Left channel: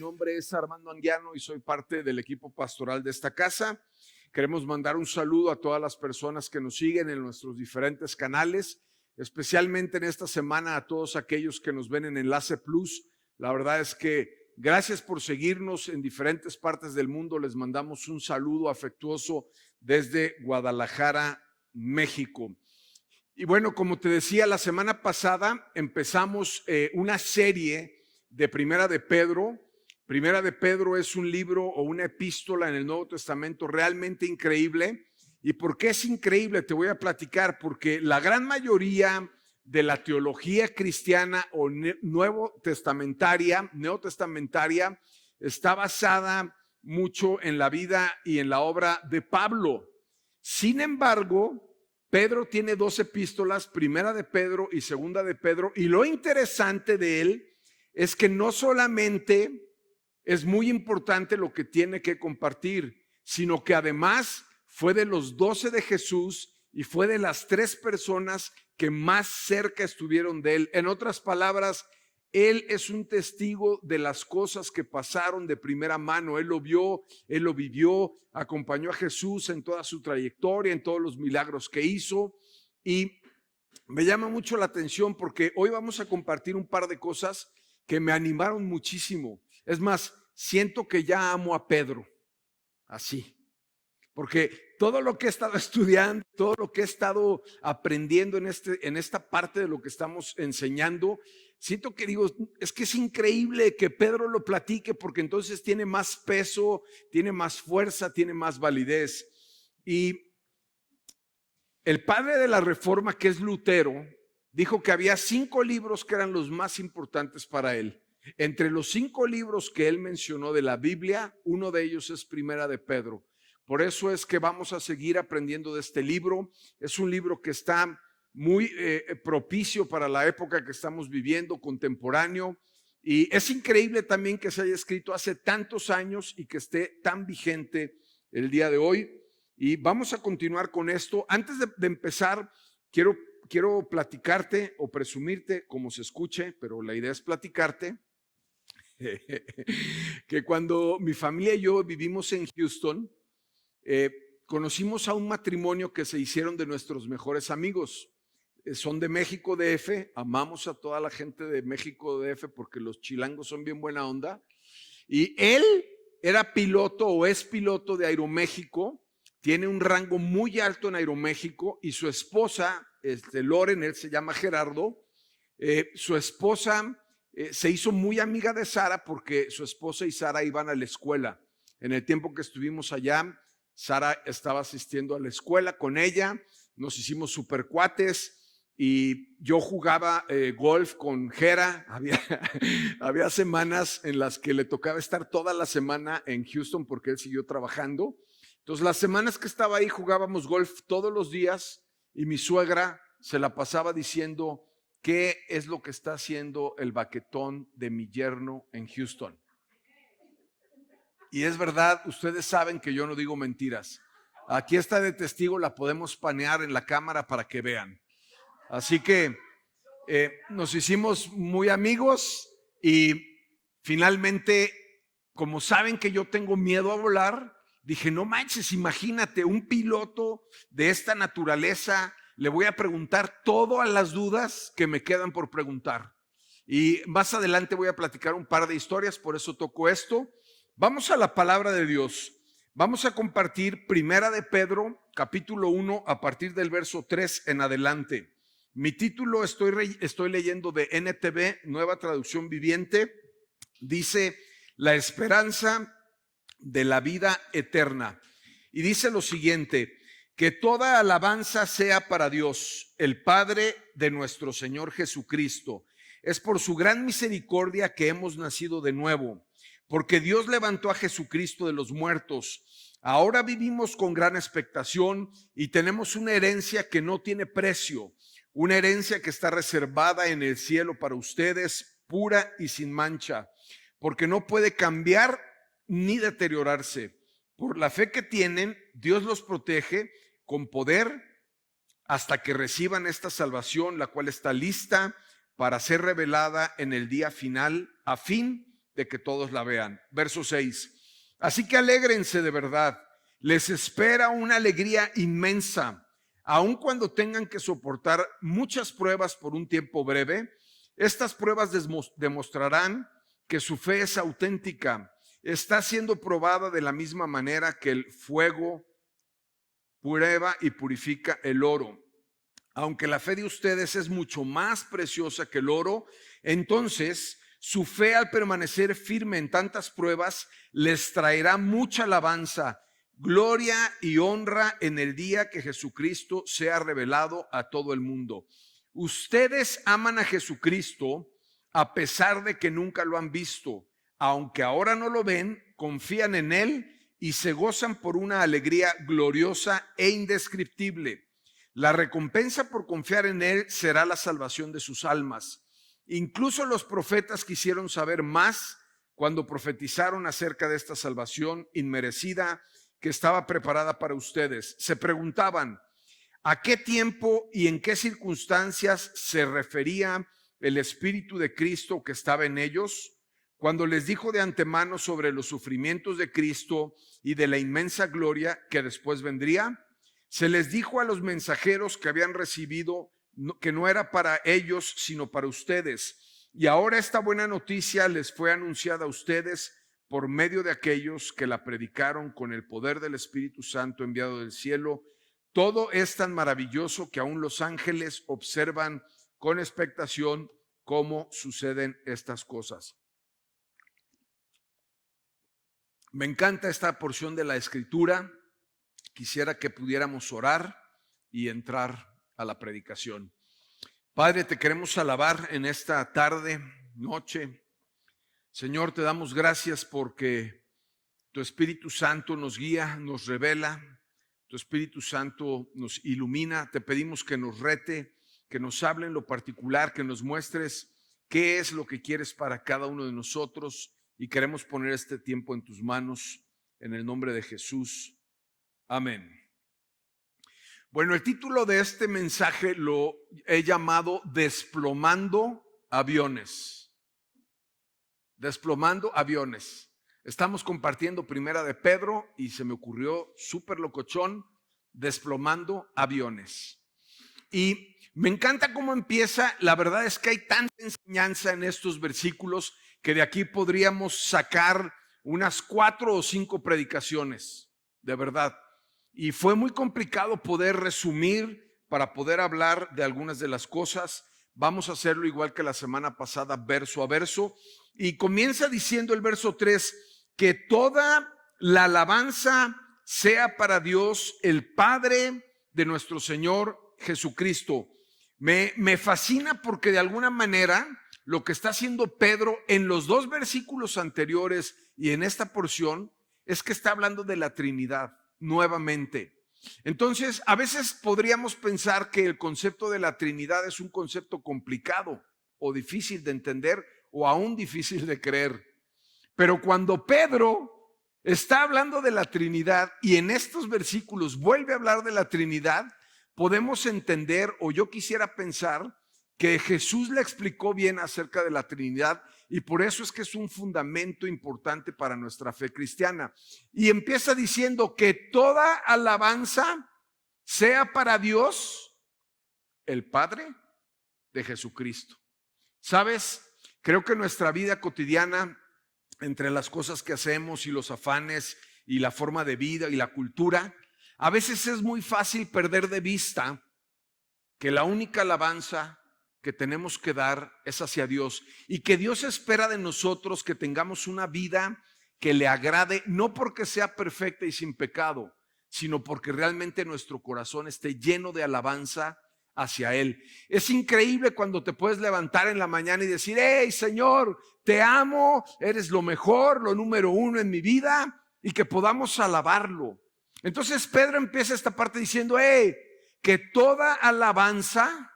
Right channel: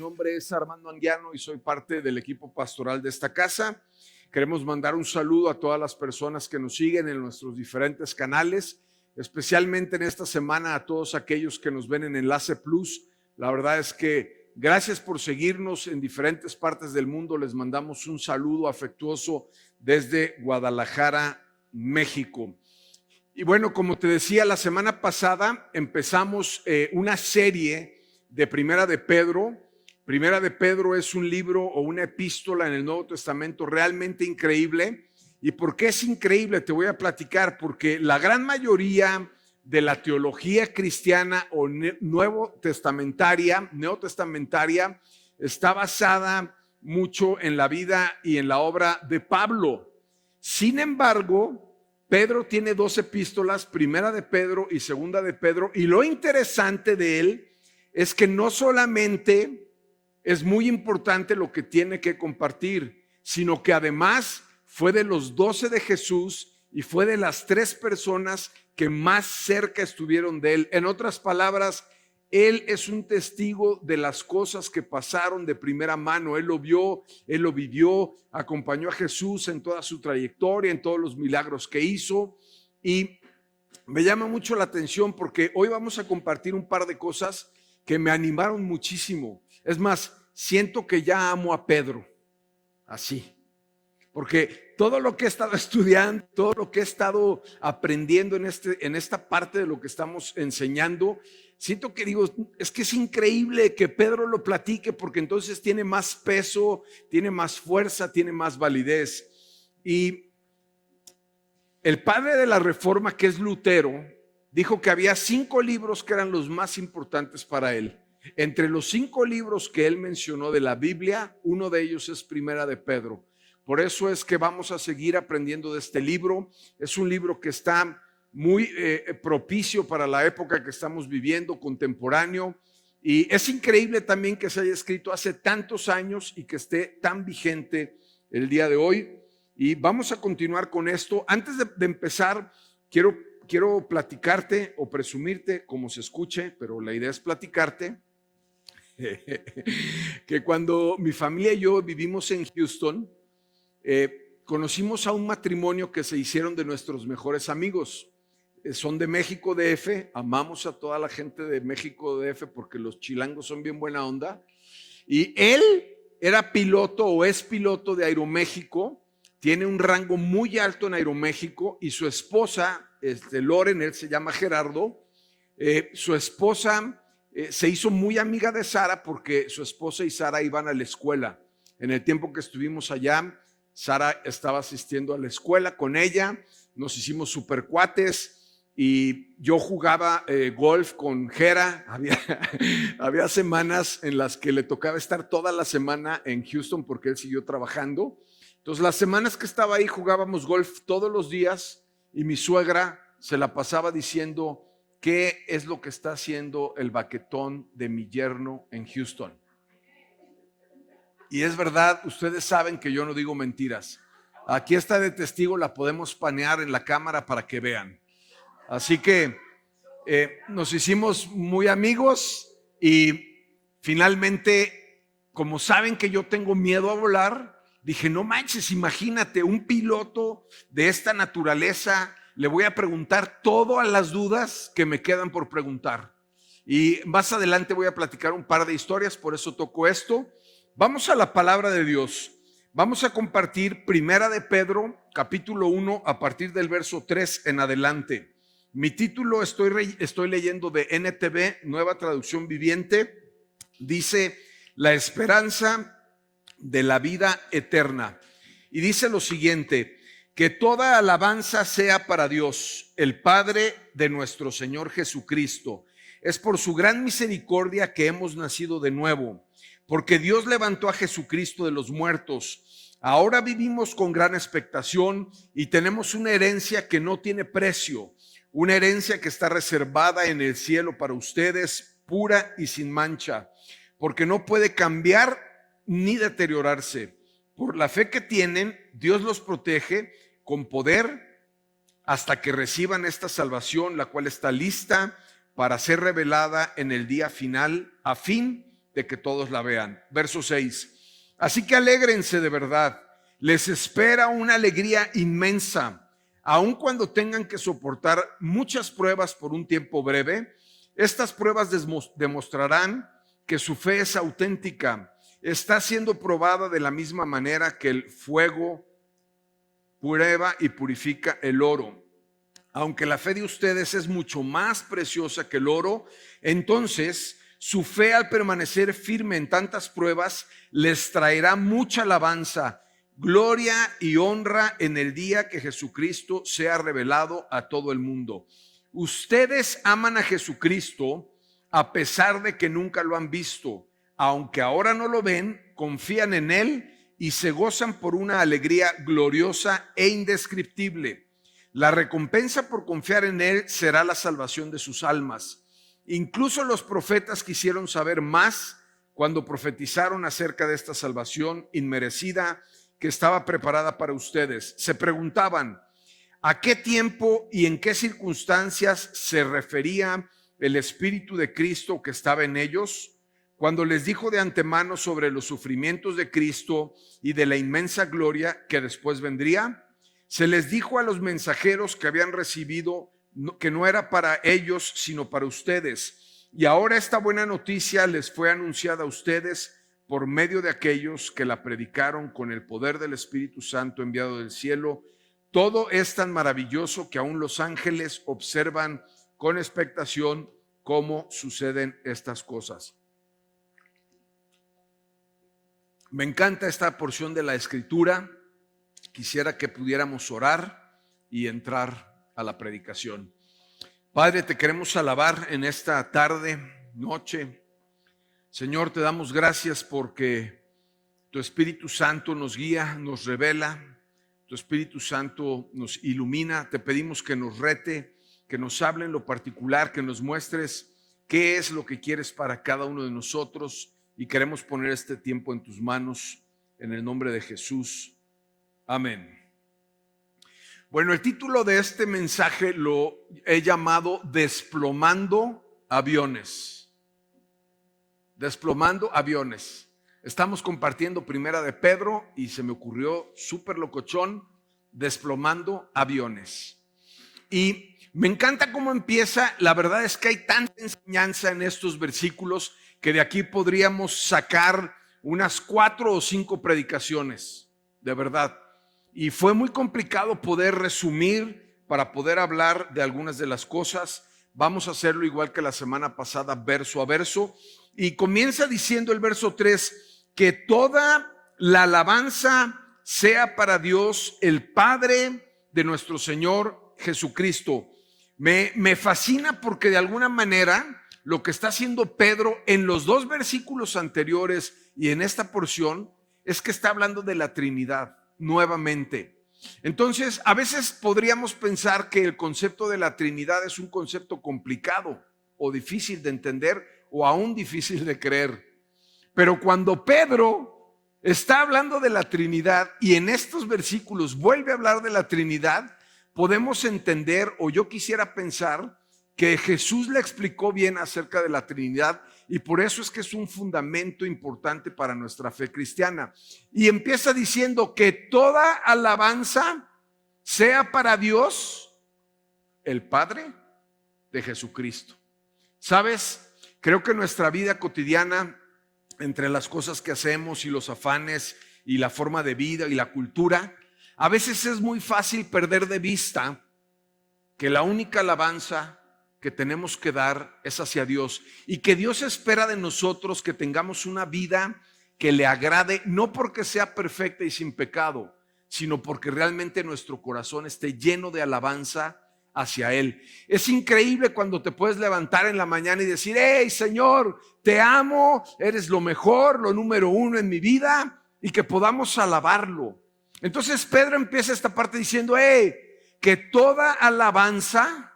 nombre es Armando Anguiano y soy parte del equipo pastoral de esta casa. Queremos mandar un saludo a todas las personas que nos siguen en nuestros diferentes canales, especialmente en esta semana a todos aquellos que nos ven en Enlace Plus. La verdad es que gracias por seguirnos en diferentes partes del mundo. Les mandamos un saludo afectuoso desde Guadalajara, México. Y bueno, como te decía, la semana pasada empezamos una serie de Primera de Pedro. Primera de Pedro es un libro o una epístola en el Nuevo Testamento realmente increíble. ¿Y por qué es increíble? Te voy a platicar, porque la gran mayoría de la teología cristiana o neotestamentaria está basada mucho en la vida y en la obra de Pablo. Sin embargo, Pedro tiene dos epístolas, Primera de Pedro y Segunda de Pedro, y lo interesante de él es que no solamente es muy importante lo que tiene que compartir, sino que además fue de los 12 de Jesús y fue de las 3 personas que más cerca estuvieron de él. En otras palabras, él es un testigo de las cosas que pasaron de primera mano. Él lo vio, él lo vivió, acompañó a Jesús en toda su trayectoria, en todos los milagros que hizo. Y me llama mucho la atención porque hoy vamos a compartir un par de cosas que me animaron muchísimo. Es más, siento que ya amo a Pedro, así. Porque todo lo que he estado estudiando, todo lo que he estado aprendiendo en esta parte de lo que estamos enseñando, siento que digo, es que es increíble que Pedro lo platique porque entonces tiene más peso, tiene más fuerza, tiene más validez. Y el padre de la Reforma, que es Lutero, dijo que había 5 libros que eran los más importantes para él. Entre los 5 libros que él mencionó de la Biblia, uno de ellos es Primera de Pedro. Por eso es que vamos a seguir aprendiendo de este libro. Es un libro que está muy propicio para la época que estamos viviendo, contemporáneo. Y es increíble también que se haya escrito hace tantos años y que esté tan vigente el día de hoy. Y vamos a continuar con esto. Antes de empezar, quiero platicarte o presumirte, como se escuche, pero la idea es platicarte, que cuando mi familia y yo vivimos en Houston, conocimos a un matrimonio que se hicieron de nuestros mejores amigos. Son de México DF, amamos a toda la gente de México DF porque los chilangos son bien buena onda. Y él era piloto o es piloto de Aeroméxico, tiene un rango muy alto en Aeroméxico y su esposa, Loren, él se llama Gerardo, su esposa se hizo muy amiga de Sara porque su esposa y Sara iban a la escuela. En el tiempo que estuvimos allá, Sara estaba asistiendo a la escuela con ella, nos hicimos super cuates y yo jugaba golf con Gera. Había semanas en las que le tocaba estar toda la semana en Houston porque él siguió trabajando. Entonces las semanas que estaba ahí jugábamos golf todos los días y mi suegra se la pasaba diciendo qué es lo que está haciendo el baquetón de mi yerno en Houston. Y es verdad, ustedes saben que yo no digo mentiras. Aquí está de testigo, la podemos panear en la cámara para que vean. Así que nos hicimos muy amigos y finalmente, como saben que yo tengo miedo a volar, dije, no manches, imagínate, un piloto de esta naturaleza, le voy a preguntar todas las dudas que me quedan por preguntar. Y más adelante voy a platicar un par de historias, por eso toco esto. Vamos a la palabra de Dios. Vamos a compartir Primera de Pedro, capítulo 1, a partir del verso 3 en adelante. Mi título estoy leyendo de NTV, Nueva Traducción Viviente. Dice, la esperanza de la vida eterna. Y dice lo siguiente, que toda alabanza sea para Dios, el Padre de nuestro Señor Jesucristo. Es por su gran misericordia que hemos nacido de nuevo, porque Dios levantó a Jesucristo de los muertos. Ahora vivimos con gran expectación y tenemos una herencia que no tiene precio, una herencia que está reservada en el cielo para ustedes, pura y sin mancha, porque no puede cambiar ni deteriorarse. Por la fe que tienen, Dios los protege con poder hasta que reciban esta salvación, la cual está lista para ser revelada en el día final, a fin de que todos la vean. Verso 6. Así que alégrense de verdad. Les espera una alegría inmensa, aun cuando tengan que soportar muchas pruebas por un tiempo breve. Estas pruebas demostrarán que su fe es auténtica. Está siendo probada de la misma manera que el fuego prueba y purifica el oro. Aunque la fe de ustedes es mucho más preciosa que el oro, entonces su fe, al permanecer firme en tantas pruebas, les traerá mucha alabanza, gloria y honra en el día que Jesucristo sea revelado a todo el mundo. Ustedes aman a Jesucristo a pesar de que nunca lo han visto. Aunque ahora no lo ven, confían en Él y se gozan por una alegría gloriosa e indescriptible. La recompensa por confiar en Él será la salvación de sus almas. Incluso los profetas quisieron saber más cuando profetizaron acerca de esta salvación inmerecida que estaba preparada para ustedes. Se preguntaban, ¿a qué tiempo y en qué circunstancias se refería el Espíritu de Cristo que estaba en ellos? Cuando les dijo de antemano sobre los sufrimientos de Cristo y de la inmensa gloria que después vendría. Se les dijo a los mensajeros que habían recibido que no era para ellos, sino para ustedes. Y ahora esta buena noticia les fue anunciada a ustedes por medio de aquellos que la predicaron con el poder del Espíritu Santo enviado del cielo. Todo es tan maravilloso que aún los ángeles observan con expectación cómo suceden estas cosas. Me encanta esta porción de la Escritura. Quisiera que pudiéramos orar y entrar a la predicación. Padre, te queremos alabar en esta tarde, noche. Señor, te damos gracias porque tu Espíritu Santo nos guía, nos revela. Tu Espíritu Santo nos ilumina. Te pedimos que nos rete, que nos hable en lo particular, que nos muestres qué es lo que quieres para cada uno de nosotros. Y queremos poner este tiempo en tus manos, en el nombre de Jesús. Amén. Bueno, el título de este mensaje lo he llamado Desplomando aviones. Desplomando aviones. Estamos compartiendo Primera de Pedro y se me ocurrió súper locochón, desplomando aviones. Y me encanta cómo empieza. La verdad es que hay tanta enseñanza en estos versículos que de aquí podríamos sacar unas 4 o 5 predicaciones, de verdad. Y fue muy complicado poder resumir para poder hablar de algunas de las cosas. Vamos a hacerlo igual que la semana pasada, verso a verso. Y comienza diciendo el verso 3, que toda la alabanza sea para Dios, el Padre de nuestro Señor Jesucristo. Me fascina porque de alguna manera lo que está haciendo Pedro en los 2 versículos anteriores y en esta porción es que está hablando de la Trinidad nuevamente. Entonces, a veces podríamos pensar que el concepto de la Trinidad es un concepto complicado o difícil de entender o aún difícil de creer. Pero cuando Pedro está hablando de la Trinidad y en estos versículos vuelve a hablar de la Trinidad, podemos entender, o yo quisiera pensar, que Jesús le explicó bien acerca de la Trinidad y por eso es que es un fundamento importante para nuestra fe cristiana. Y empieza diciendo que toda alabanza sea para Dios, el Padre de Jesucristo. ¿Sabes? Creo que nuestra vida cotidiana, entre las cosas que hacemos y los afanes y la forma de vida y la cultura, a veces es muy fácil perder de vista que la única alabanza que tenemos que dar es hacia Dios y que Dios espera de nosotros que tengamos una vida que le agrade, no porque sea perfecta y sin pecado, sino porque realmente nuestro corazón esté lleno de alabanza hacia Él. Es increíble cuando te puedes levantar en la mañana y decir, hey Señor, te amo, eres lo mejor, lo número 1 en mi vida, y que podamos alabarlo. Entonces Pedro empieza esta parte diciendo, hey, que toda alabanza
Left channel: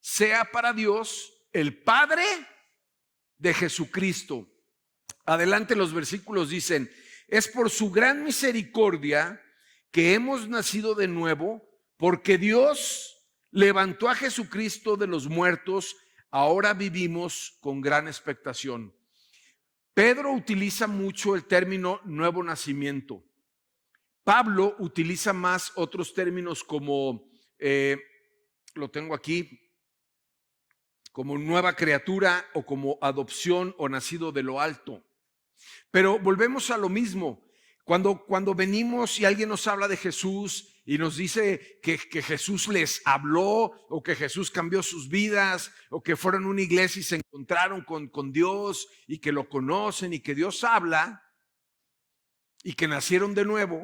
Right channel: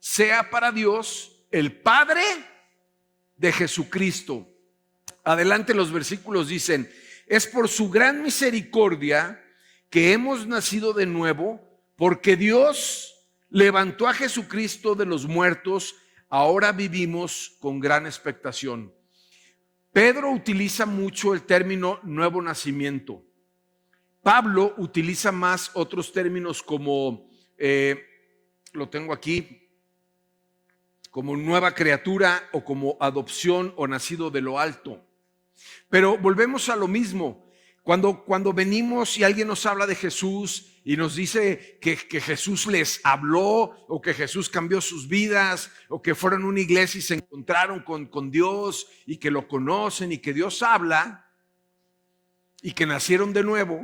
sea para Dios, el Padre de Jesucristo. Adelante los versículos dicen, es por su gran misericordia que hemos nacido de nuevo, porque Dios levantó a Jesucristo de los muertos, ahora vivimos con gran expectación. Pedro utiliza mucho el término nuevo nacimiento. Pablo utiliza más otros términos como, lo tengo aquí, como nueva criatura o como adopción o nacido de lo alto. Pero volvemos a lo mismo. Cuando venimos y alguien nos habla de Jesús y nos dice que Jesús les habló o que Jesús cambió sus vidas o que fueron a una iglesia y se encontraron con Dios y que lo conocen y que Dios habla y que nacieron de nuevo,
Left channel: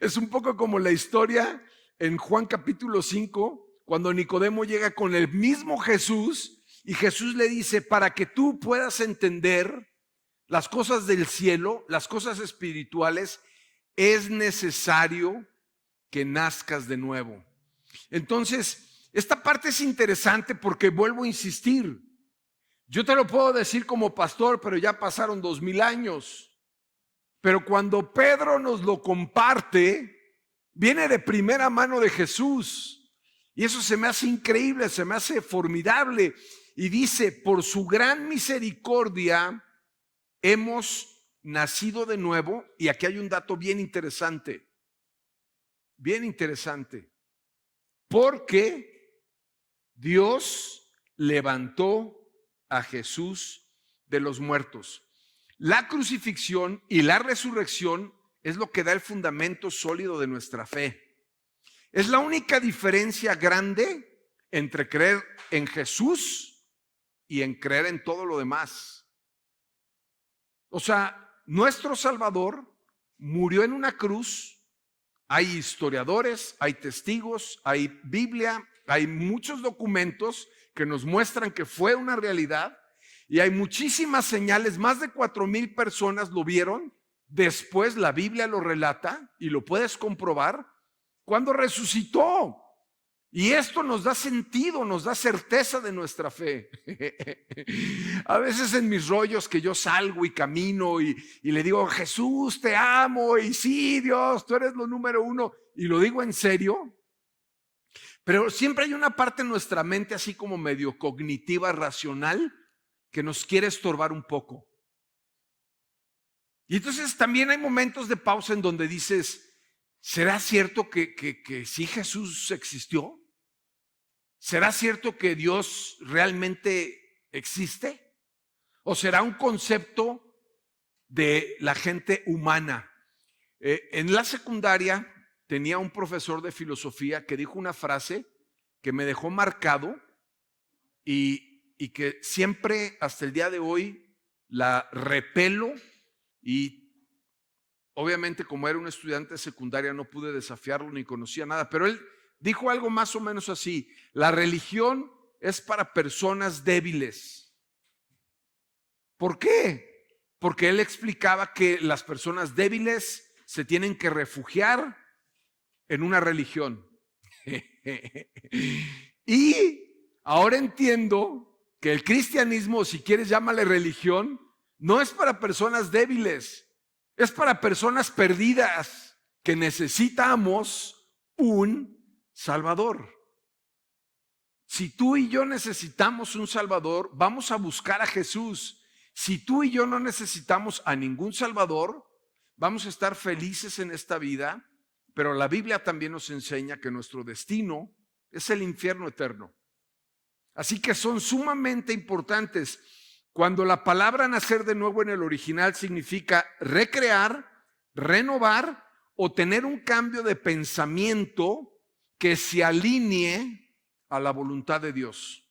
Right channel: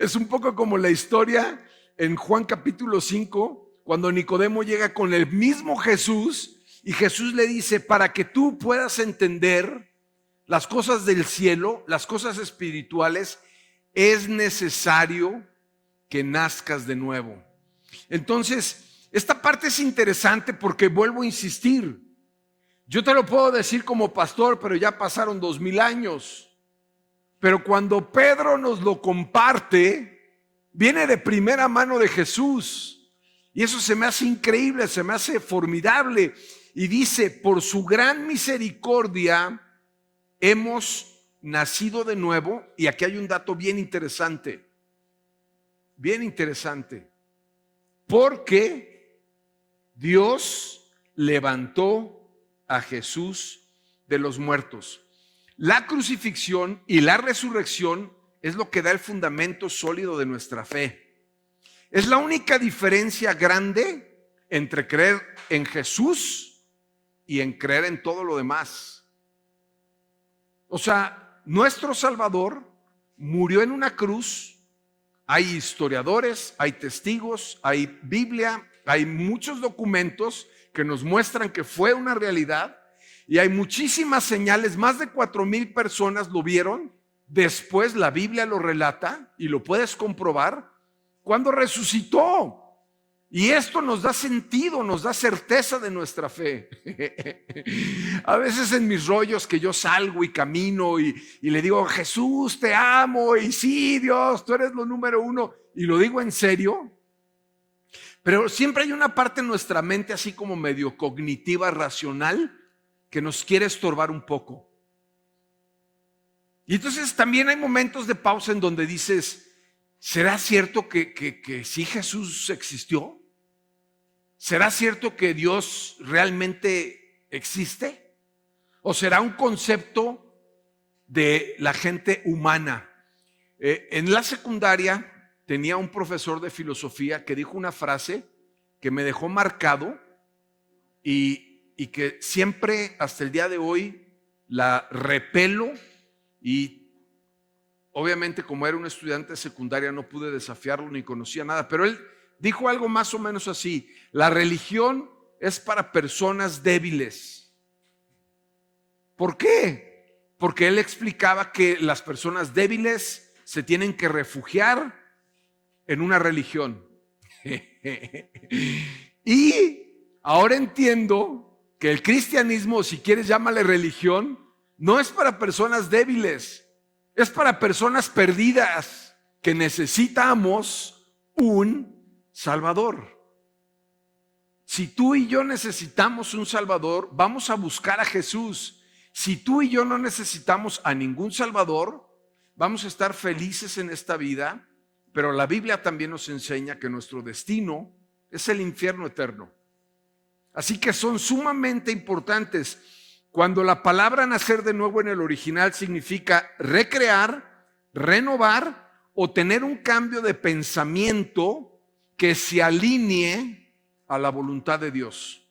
es un poco como la historia en Juan capítulo 5, cuando Nicodemo llega con el mismo Jesús y Jesús le dice, para que tú puedas entender las cosas del cielo, las cosas espirituales, es necesario que nazcas de nuevo. Entonces, esta parte es interesante porque vuelvo a insistir. Yo te lo puedo decir como pastor, pero ya pasaron 2000 años. Pero cuando Pedro nos lo comparte, viene de primera mano de Jesús. Y eso se me hace increíble, se me hace formidable. Y dice, por su gran misericordia, hemos nacido de nuevo, y aquí hay un dato bien interesante, porque Dios levantó a Jesús de los muertos. La crucifixión y la resurrección es lo que da el fundamento sólido de nuestra fe. Es la única diferencia grande entre creer en Jesús y en creer en todo lo demás. O sea, nuestro Salvador murió en una cruz. Hay historiadores, hay testigos, hay Biblia, hay muchos documentos que nos muestran que fue una realidad y hay muchísimas señales. Más de 4000 personas lo vieron. Después la Biblia lo relata y lo puedes comprobar cuando resucitó. Y esto nos da sentido, nos da certeza de nuestra fe. A veces en mis rollos que yo salgo y camino y le digo, Jesús, te amo, y sí, Dios, tú eres lo número uno, y lo digo en serio, pero siempre hay una parte en nuestra mente así como medio cognitiva, racional, que nos quiere estorbar un poco. Y entonces también hay momentos de pausa en donde dices, ¿será cierto que sí Jesús existió? ¿Será cierto que Dios realmente existe? ¿O será un concepto de la gente humana? En la secundaria tenía un profesor de filosofía que dijo una frase que me dejó marcado y que siempre hasta el día de hoy la repelo, y obviamente como era un estudiante de secundaria no pude desafiarlo ni conocía nada, pero él dijo algo más o menos así: la religión es para personas débiles. ¿Por qué? Porque él explicaba que las personas débiles se tienen que refugiar en una religión. Y ahora entiendo que el cristianismo, si quieres llámale religión, no es para personas débiles, es para personas perdidas que necesitamos un Salvador. Si tú y yo necesitamos un Salvador, vamos a buscar a Jesús. Si tú y yo no necesitamos a ningún Salvador, vamos a estar felices en esta vida, pero la Biblia también nos enseña que nuestro destino es el infierno eterno. Así que son sumamente importantes. Cuando la palabra nacer de nuevo en el original significa recrear, renovar o tener un cambio de pensamiento que se alinee a la voluntad de Dios.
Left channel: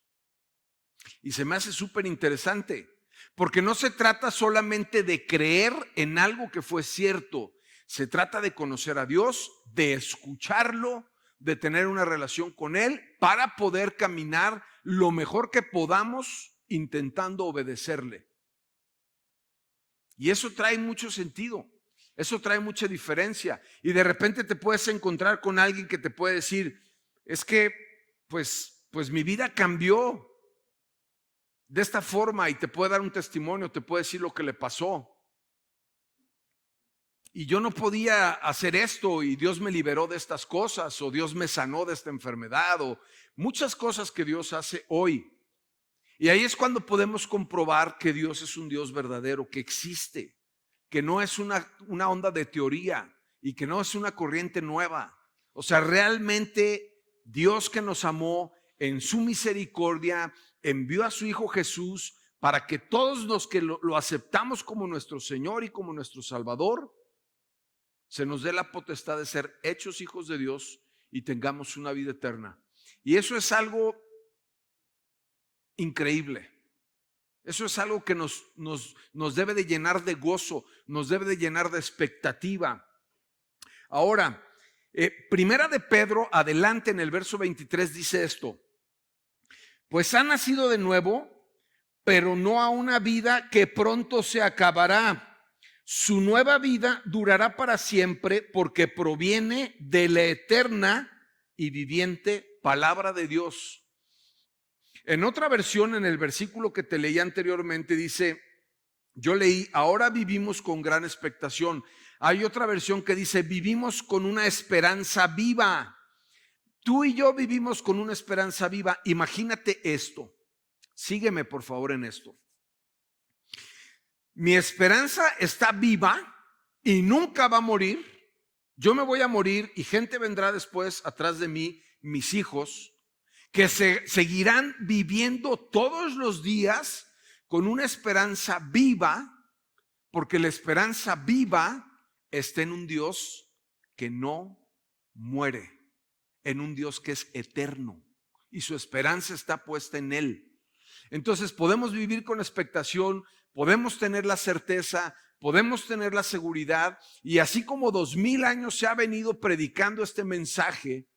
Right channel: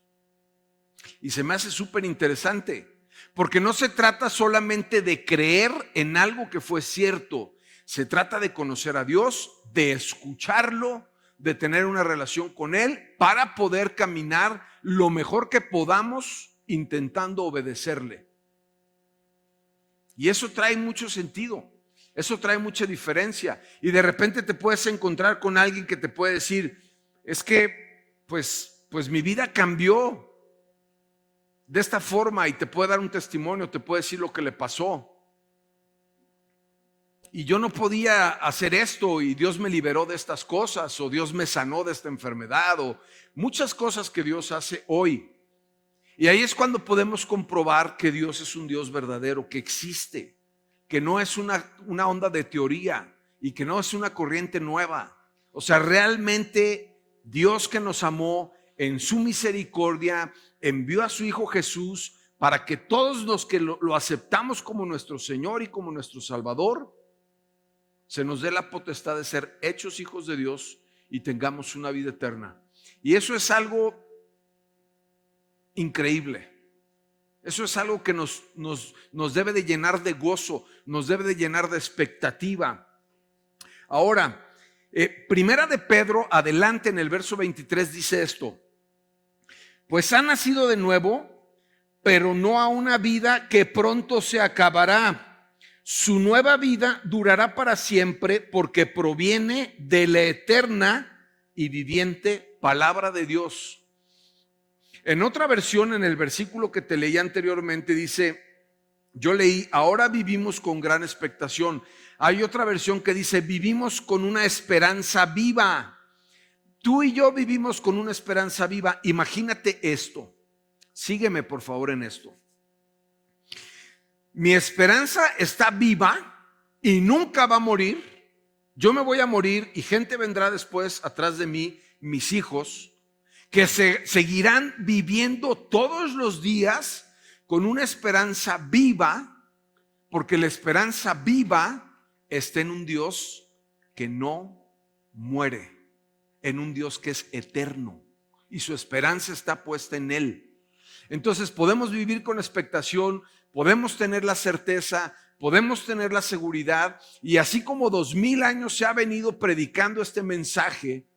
Y se me hace súper interesante, porque no se trata solamente de creer en algo que fue cierto, se trata de conocer a Dios, de escucharlo, de tener una relación con Él para poder caminar lo mejor que podamos intentando obedecerle. Y eso trae mucho sentido, eso trae mucha diferencia. Y de repente te puedes encontrar con alguien que te puede decir, es que pues mi vida cambió de esta forma, y te puede dar un testimonio, te puede decir lo que le pasó. Y yo no podía hacer esto y Dios me liberó de estas cosas, o Dios me sanó de esta enfermedad, o muchas cosas que Dios hace hoy. Y ahí es cuando podemos comprobar que Dios es un Dios verdadero, que existe, que no es una onda de teoría y que no es una corriente nueva. O sea, realmente Dios, que nos amó en su misericordia, envió a su Hijo Jesús para que todos los que lo aceptamos como nuestro Señor y como nuestro Salvador, se nos dé la potestad de ser hechos hijos de Dios y tengamos una vida eterna. Y eso es algo increíble. Eso es algo que nos debe de llenar de gozo, nos debe de llenar de expectativa. Ahora, Primera de Pedro, adelante en el verso 23, dice esto: pues ha nacido de nuevo, pero no a una vida que pronto se acabará. Su nueva vida durará para siempre, porque proviene de la eterna y viviente palabra de Dios. En otra versión, en el versículo que te leí anteriormente, dice, yo leí, ahora vivimos con gran expectación. Hay otra versión que dice, vivimos con una esperanza viva. Tú y yo vivimos con una esperanza viva. Imagínate esto. Sígueme, por favor, en esto. Mi esperanza está viva y nunca va a morir. Yo me voy a morir y gente vendrá después atrás de mí, mis hijos, que seguirán viviendo todos los días con una esperanza viva, porque la esperanza viva está en un Dios que no muere, en un Dios que es eterno y su esperanza está puesta en Él. Entonces podemos vivir con expectación, podemos tener la certeza, podemos tener la seguridad, y así como 2000 años se ha venido predicando este mensaje,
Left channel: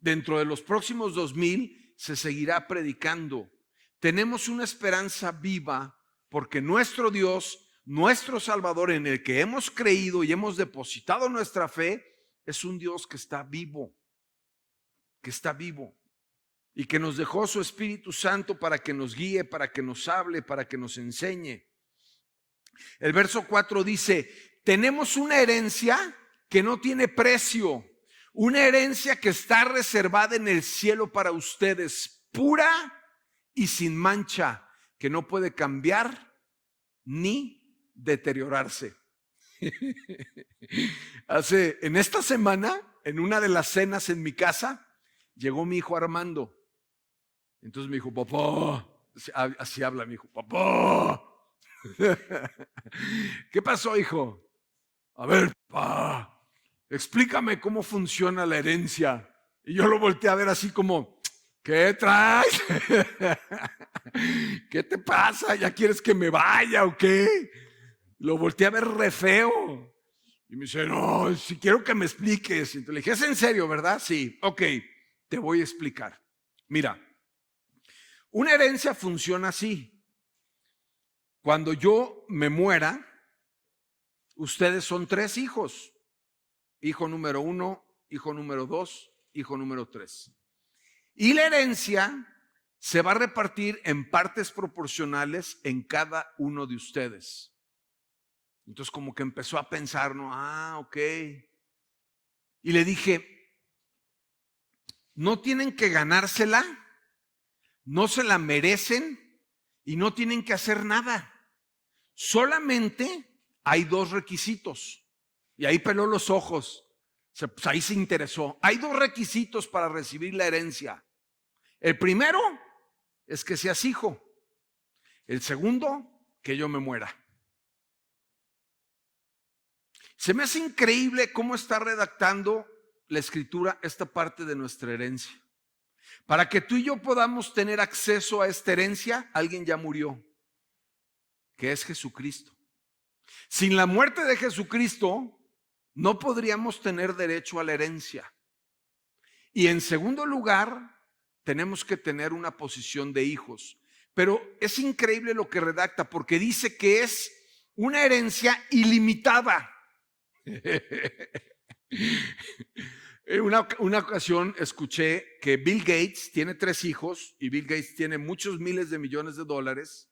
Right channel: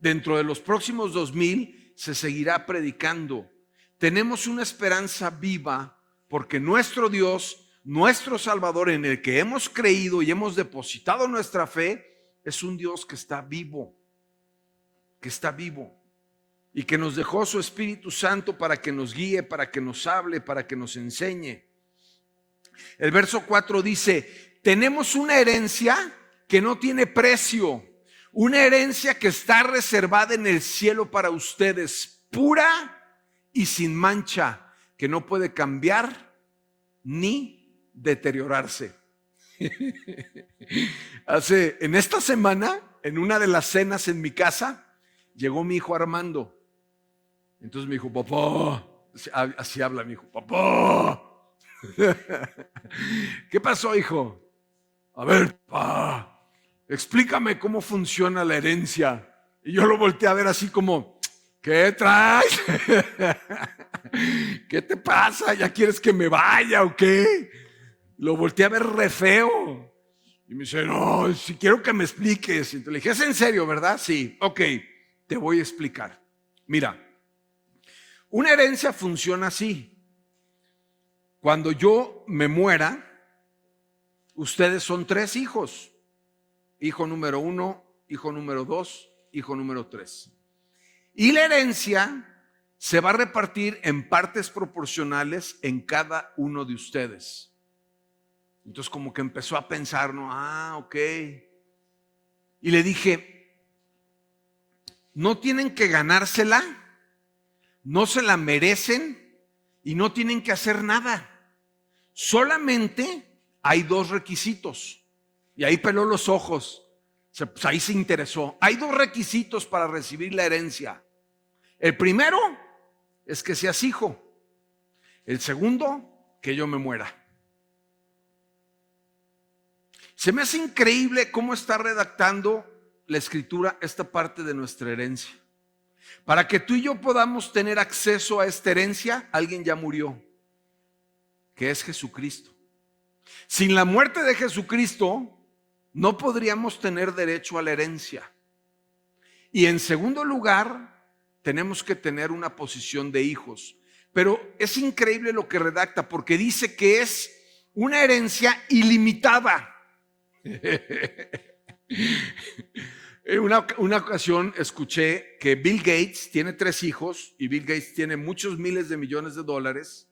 dentro de los próximos 2000 se seguirá predicando. Tenemos una esperanza viva porque nuestro Dios, nuestro Salvador, en el que hemos creído y hemos depositado nuestra fe, es un Dios que está vivo y que nos dejó su Espíritu Santo para que nos guíe, para que nos hable, para que nos enseñe. El verso 4 dice, tenemos una herencia que no tiene precio, una herencia que está reservada en el cielo para ustedes, pura y sin mancha, que no puede cambiar ni deteriorarse. En esta semana, en una de las cenas en mi casa, llegó mi hijo Armando. Entonces me dijo, papá, así habla mi hijo, papá. ¿Qué pasó, hijo? A ver, papá, explícame cómo funciona la herencia. Y yo lo volteé a ver así como, ¿qué traes? ¿Qué te pasa? ¿Ya quieres que me vaya o qué? Lo volteé a ver re feo. Y me dice, no, si quiero que me expliques. Y te le dije, ¿es en serio, verdad? Sí, ok, te voy a explicar. Mira, una herencia funciona así. Cuando yo me muera, ustedes son 3 hijos. Hijo número 1, hijo número 2, hijo número 3. Y la herencia se va a repartir en partes proporcionales en cada uno de ustedes. Entonces como que empezó a pensar, ¿no? Ok. Y le dije, no tienen que ganársela, no se la merecen y no tienen que hacer nada. Solamente hay 2 requisitos. Y ahí peló los ojos. Pues ahí se interesó. Hay 2 requisitos para recibir la herencia. El primero es que seas hijo. El segundo, que yo me muera. Se me hace increíble cómo está redactando la Escritura esta parte de nuestra herencia. Para que tú y yo podamos tener acceso a esta herencia, alguien ya murió, que es Jesucristo. Sin la muerte de Jesucristo, no podríamos tener derecho a la herencia. Y en segundo lugar, tenemos que tener una posición de hijos. Pero es increíble lo que redacta, porque dice que es una herencia ilimitada. En una ocasión escuché que Bill Gates tiene 3 hijos y Bill Gates tiene muchos miles de millones de dólares.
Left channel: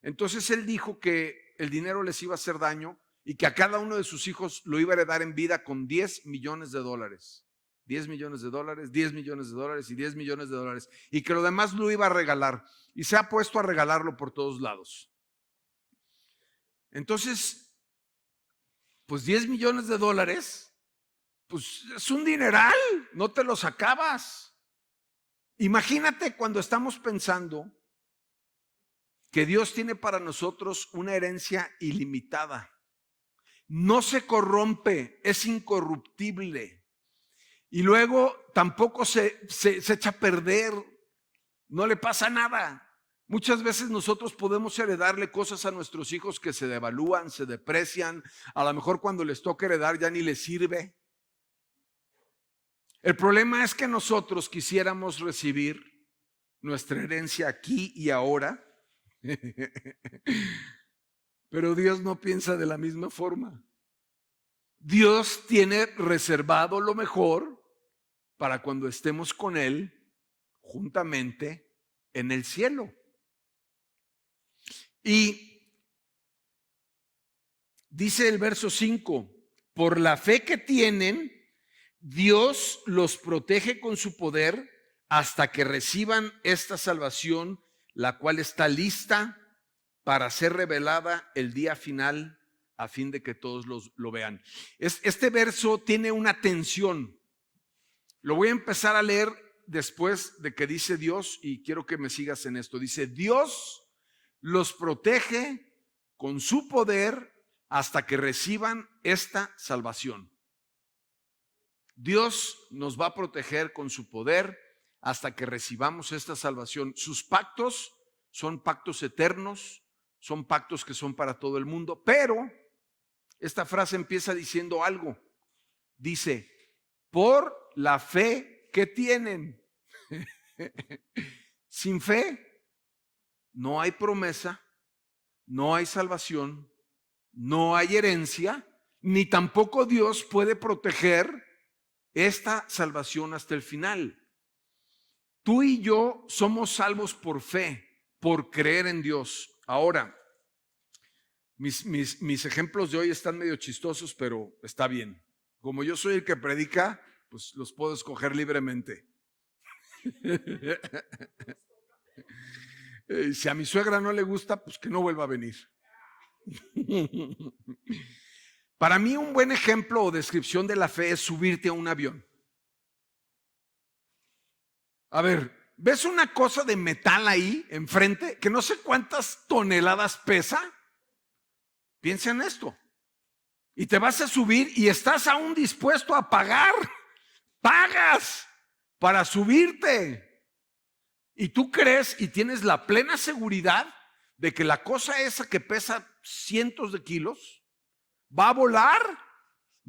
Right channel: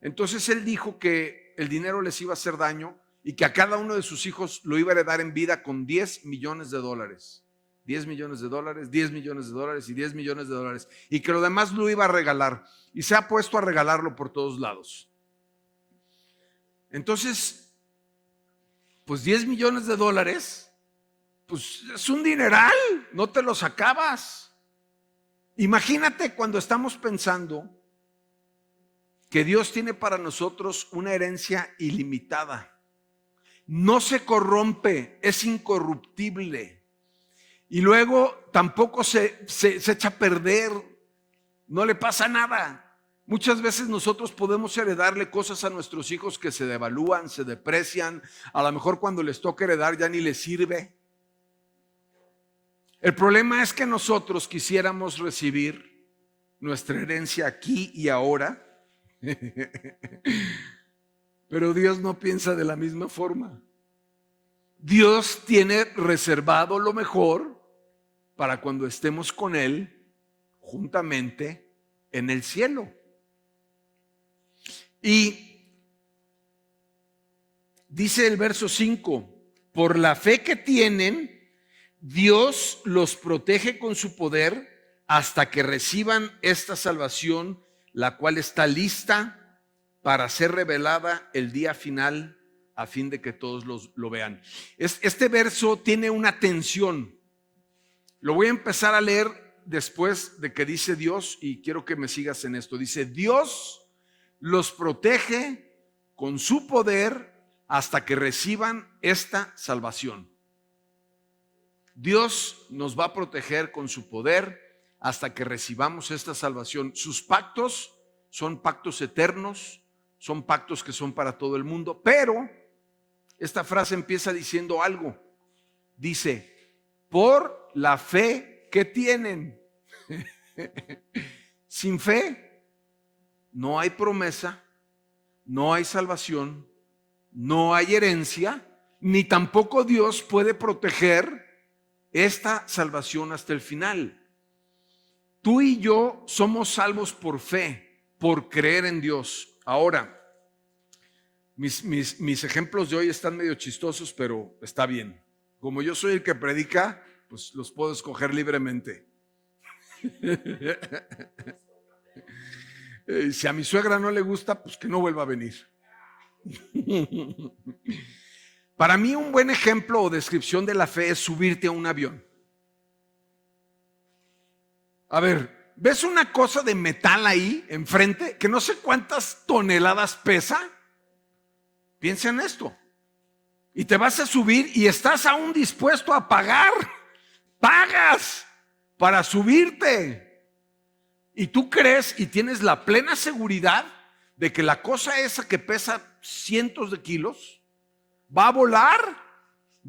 Entonces él dijo que el dinero les iba a hacer daño y que a cada uno de sus hijos lo iba a heredar en vida con 10 millones de dólares. 10 millones de dólares, 10 millones de dólares y 10 millones de dólares, y que lo demás lo iba a regalar, y se ha puesto a regalarlo por todos lados. Entonces, pues 10 millones de dólares, pues es un dineral, no te los acabas. Imagínate cuando estamos pensando que Dios tiene para nosotros una herencia ilimitada. No se corrompe, es incorruptible. Y luego tampoco se echa a perder, no le pasa nada. Muchas veces nosotros podemos heredarle cosas a nuestros hijos que se devalúan, se deprecian. A lo mejor cuando les toca heredar ya ni les sirve. El problema es que nosotros quisiéramos recibir nuestra herencia aquí y ahora. Pero Dios no piensa de la misma forma. Dios tiene reservado lo mejor para cuando estemos con Él juntamente en el cielo. Y dice el verso 5, por la fe que tienen, Dios los protege con su poder hasta que reciban esta salvación, la cual está lista para ser revelada el día final, a fin de que todos lo vean. Este verso tiene una tensión. Lo voy a empezar a leer después de que dice Dios, y quiero que me sigas en esto. Dice, Dios los protege con su poder hasta que reciban esta salvación. Dios nos va a proteger con su poder hasta que recibamos esta salvación. Sus pactos son pactos eternos, son pactos que son para todo el mundo, pero esta frase empieza diciendo algo. Dice, por la fe que tienen. Sin fe no hay promesa, no hay salvación, no hay herencia, ni tampoco Dios puede proteger esta salvación hasta el final. Tú y yo somos salvos por fe, por creer en Dios. Ahora, mis ejemplos de hoy están medio chistosos, pero está bien. Como yo soy el que predica, pues los puedo escoger libremente. Si a mi suegra no le gusta, pues que no vuelva a venir. Para mí un buen ejemplo o descripción de la fe es subirte a un avión. A ver, ¿ves una cosa de metal ahí enfrente que no sé cuántas toneladas pesa? Piensa en esto. Y te vas a subir y estás aún dispuesto a pagar. Pagas para subirte. Y tú crees y tienes la plena seguridad de que la cosa esa que pesa cientos de kilos va a volar,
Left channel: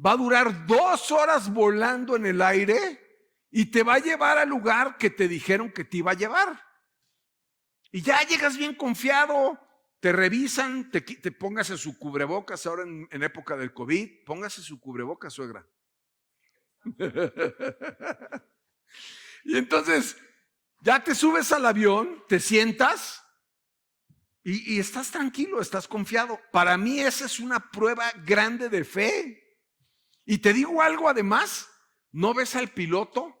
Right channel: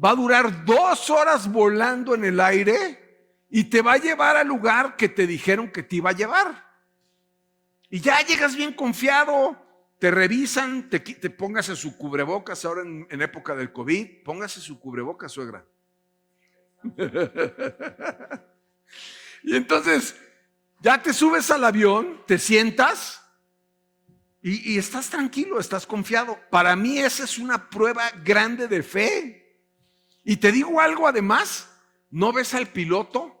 va a durar 2 horas volando en el aire y te va a llevar al lugar que te dijeron que te iba a llevar. Y ya llegas bien confiado, te revisan, te póngase su cubrebocas ahora en época del COVID, póngase su cubrebocas, suegra. Y entonces ya te subes al avión, te sientas y estás tranquilo, estás confiado. Para mí esa es una prueba grande de fe. Y te digo algo además, no ves al piloto,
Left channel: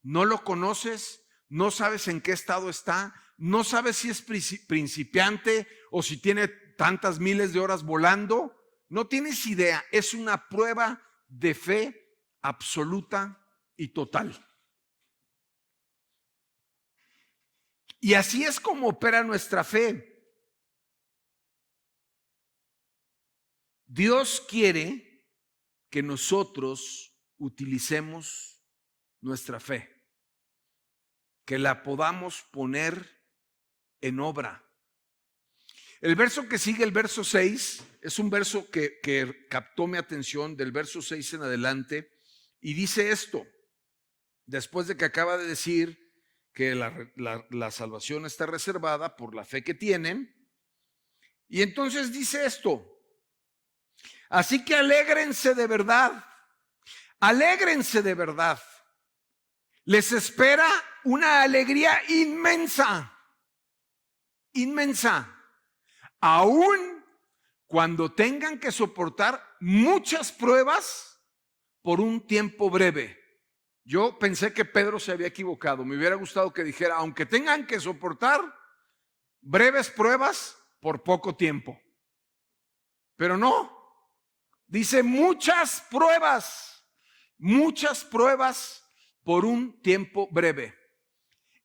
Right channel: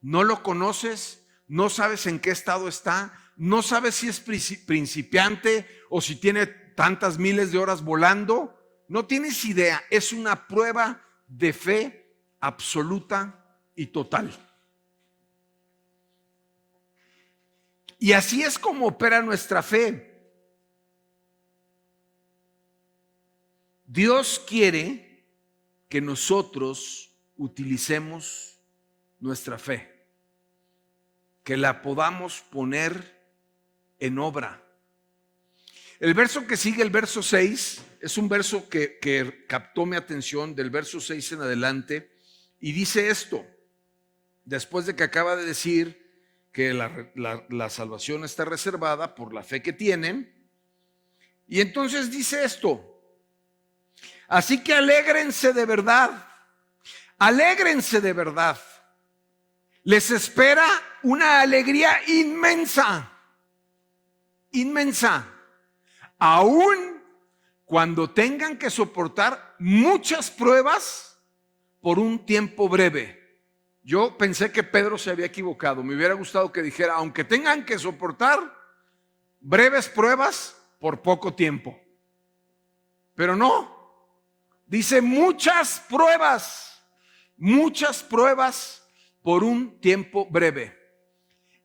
no lo conoces, no sabes en qué estado está, no sabes si es principiante o si tiene tantas miles de horas volando, no tienes idea, es una prueba de fe absoluta y total. Y así es como opera nuestra fe. Dios quiere que nosotros utilicemos nuestra fe, que la podamos poner en obra. El verso que sigue, el verso 6, es un verso que captó mi atención del verso 6 en adelante, y dice esto, después de que acaba de decir que la salvación está reservada por la fe que tienen, y entonces dice esto, así que alégrense de verdad, les espera una alegría inmensa, aún cuando tengan que soportar muchas pruebas por un tiempo breve. Yo pensé que Pedro se había equivocado. Me hubiera gustado que dijera, aunque tengan que soportar breves pruebas por poco tiempo. Pero no, dice muchas pruebas por un tiempo breve.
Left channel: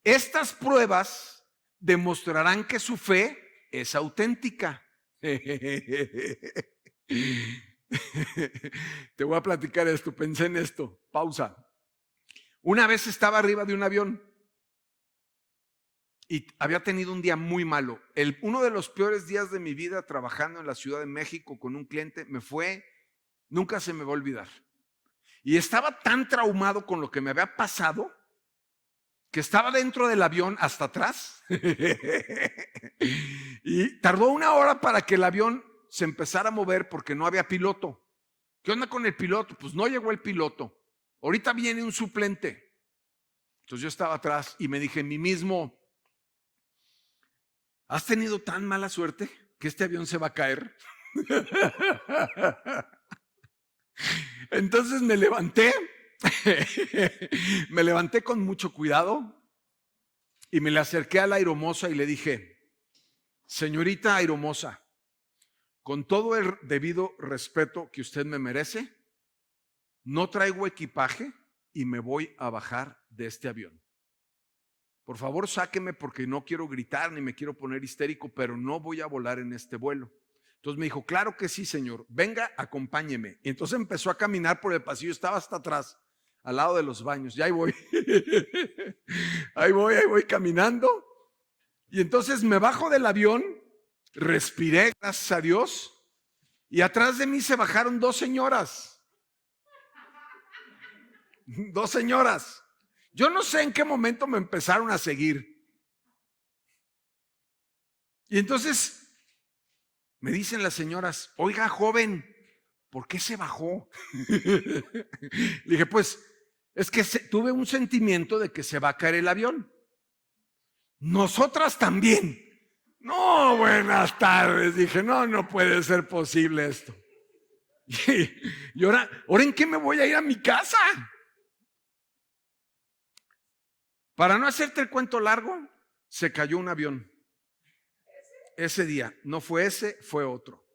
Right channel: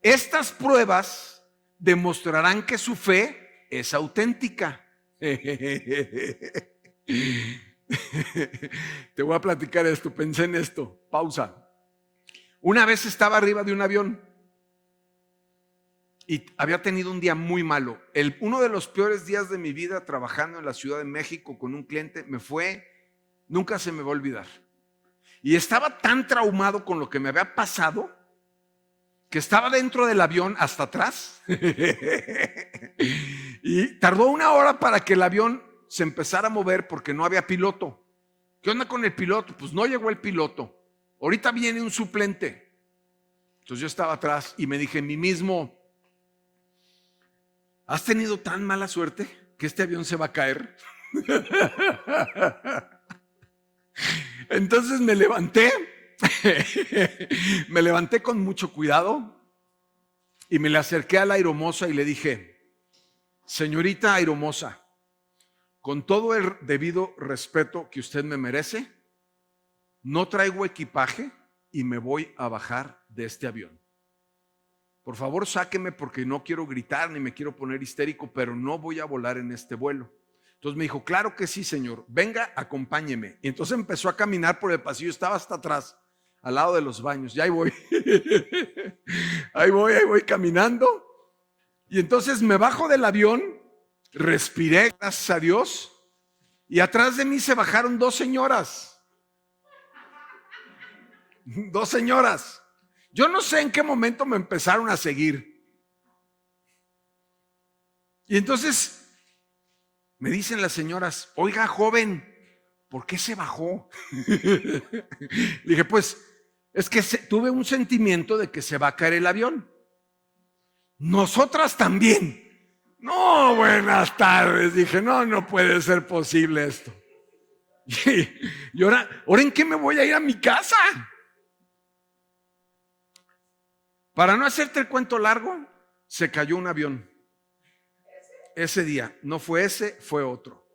Estas pruebas demostrarán que su fe es auténtica. Te voy a platicar esto, pensé en esto, pausa. Una vez estaba arriba de un avión y había tenido un día muy malo. Uno de los peores días de mi vida trabajando en la Ciudad de México con un cliente nunca se me va a olvidar. Y estaba tan traumado con lo que me había pasado que estaba dentro del avión hasta atrás. Y tardó 1 hora para que el avión se empezara a mover porque no había piloto. ¿Qué onda con el piloto? Pues no llegó el piloto. Ahorita viene un suplente. Entonces yo estaba atrás y me dije a mí mismo, ¿has tenido tan mala suerte que este avión se va a caer? Entonces me levanté con mucho cuidado y me le acerqué a la aeromoza y le dije, señorita aeromoza, con todo el debido respeto que usted me merece, no traigo equipaje y me voy a bajar de este avión. Por favor, sáqueme porque no quiero gritar ni me quiero poner histérico, pero no voy a volar en este vuelo. Entonces me dijo, claro que sí, señor, venga, acompáñeme. Y entonces empezó a caminar por el pasillo, estaba hasta atrás, al lado de los baños. Y ahí voy, ahí voy caminando. Y entonces me bajo del avión, respiré, gracias a Dios, y atrás de mí se bajaron dos señoras. Dos señoras. Yo no sé en qué momento me empezaron a seguir. Y entonces me dicen las señoras, oiga, joven, ¿por qué se bajó? Le dije, pues, es que tuve un sentimiento de que se va a caer el avión. Nosotras también. No, buenas tardes. Dije, no puede ser posible esto. Y ahora ¿en qué me voy a ir a mi casa? Para no hacerte el cuento largo, se cayó un avión. Ese día, no fue ese, fue otro.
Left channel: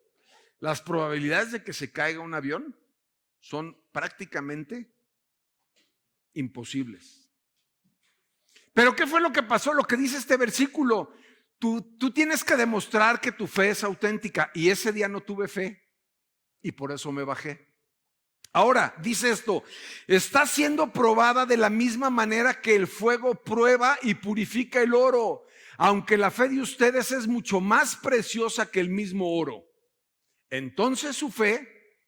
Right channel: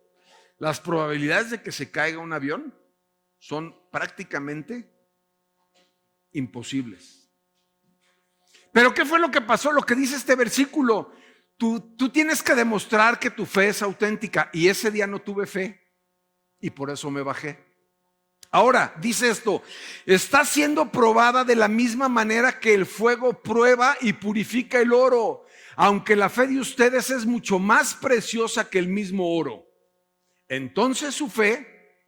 Las probabilidades de que se caiga un avión son prácticamente imposibles. Pero ¿qué fue lo que pasó? Lo que dice este versículo. Tú tienes que demostrar que tu fe es auténtica. Y ese día no tuve fe y por eso me bajé. Ahora, dice esto, está siendo probada de la misma manera que el fuego prueba y purifica el oro, aunque la fe de ustedes es mucho más preciosa que el mismo oro. Entonces su fe,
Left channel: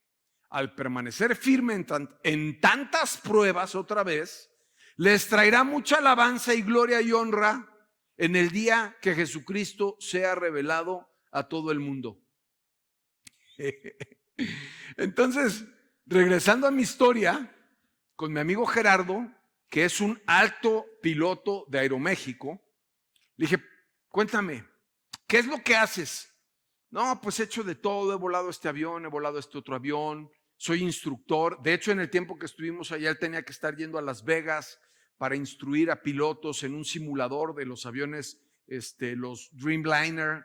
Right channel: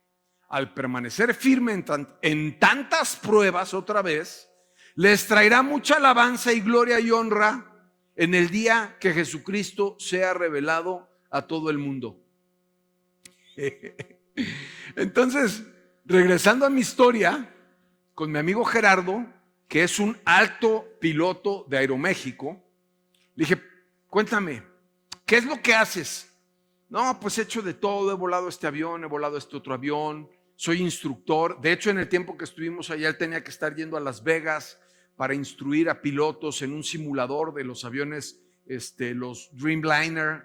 al permanecer firme en tantas pruebas otra vez, les traerá mucha alabanza y gloria y honra en el día que Jesucristo sea revelado a todo el mundo. Entonces, regresando a mi historia, con mi amigo Gerardo, que es un alto piloto de Aeroméxico, le dije, cuéntame, ¿qué es lo que haces? No, pues he hecho de todo, he volado este avión, he volado este otro avión, soy instructor. De hecho, en el tiempo que estuvimos allá, él tenía que estar yendo a Las Vegas para instruir a pilotos en un simulador de los aviones, los Dreamliner,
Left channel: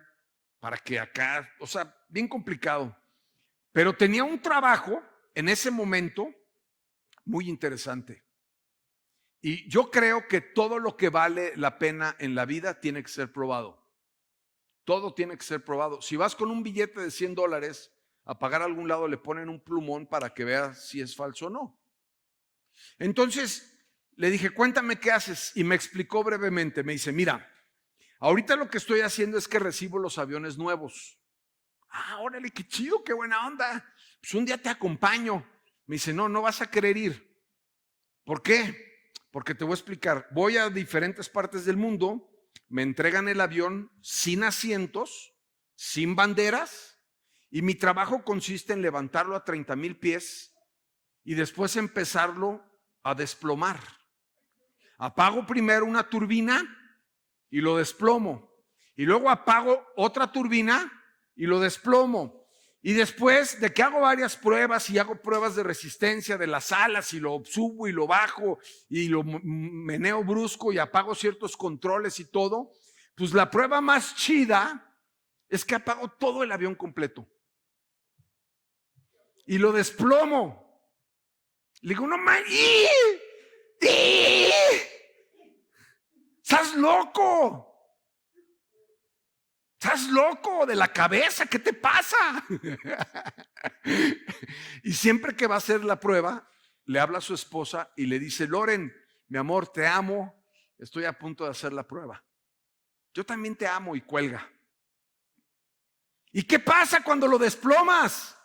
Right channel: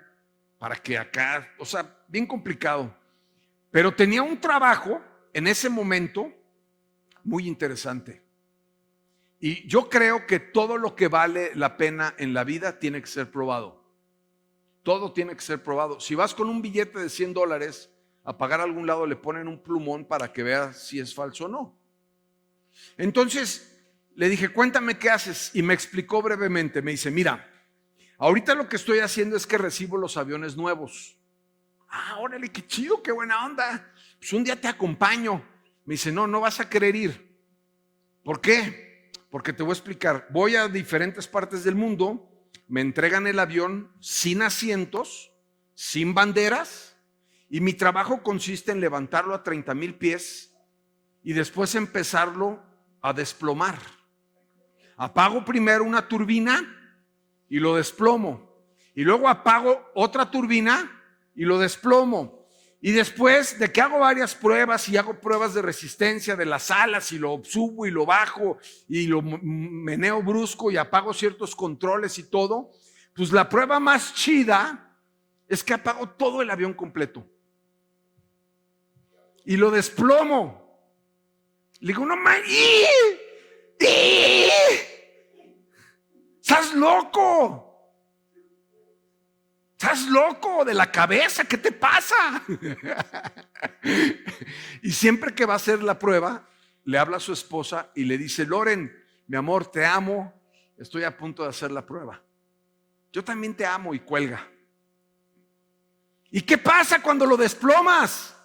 para que acá, o sea, bien complicado. Pero tenía un trabajo en ese momento muy interesante. Y yo creo que todo lo que vale la pena en la vida tiene que ser probado. Todo tiene que ser probado. Si vas con un billete de $100 a pagar a algún lado, le ponen un plumón para que veas si es falso o no. Entonces le dije, cuéntame qué haces. Y me explicó brevemente. Me dice, mira, ahorita lo que estoy haciendo es que recibo los aviones nuevos. Ah, órale, qué chido, qué buena onda. Pues un día te acompaño. Me dice, no vas a querer ir. ¿Por qué? Porque te voy a explicar. Voy a diferentes partes del mundo, me entregan el avión sin asientos, sin banderas, y mi trabajo consiste en levantarlo a 30,000 pies y después empezarlo a desplomar. Apago primero una turbina y lo desplomo. Y luego apago otra turbina y lo desplomo. Y después de que hago varias pruebas y hago pruebas de resistencia de las alas y lo subo y lo bajo y lo meneo brusco y apago ciertos controles y todo, pues la prueba más chida es que apago todo el avión completo y lo desplomo. Le digo, no mames, ¡estás loco! ¿Estás loco de la cabeza? ¿Qué te pasa? Y siempre que va a hacer la prueba, le habla a su esposa y le dice, Loren, mi amor, te amo, estoy a punto de hacer la prueba. Yo también te amo, y cuelga. ¿Y qué pasa cuando lo desplomas?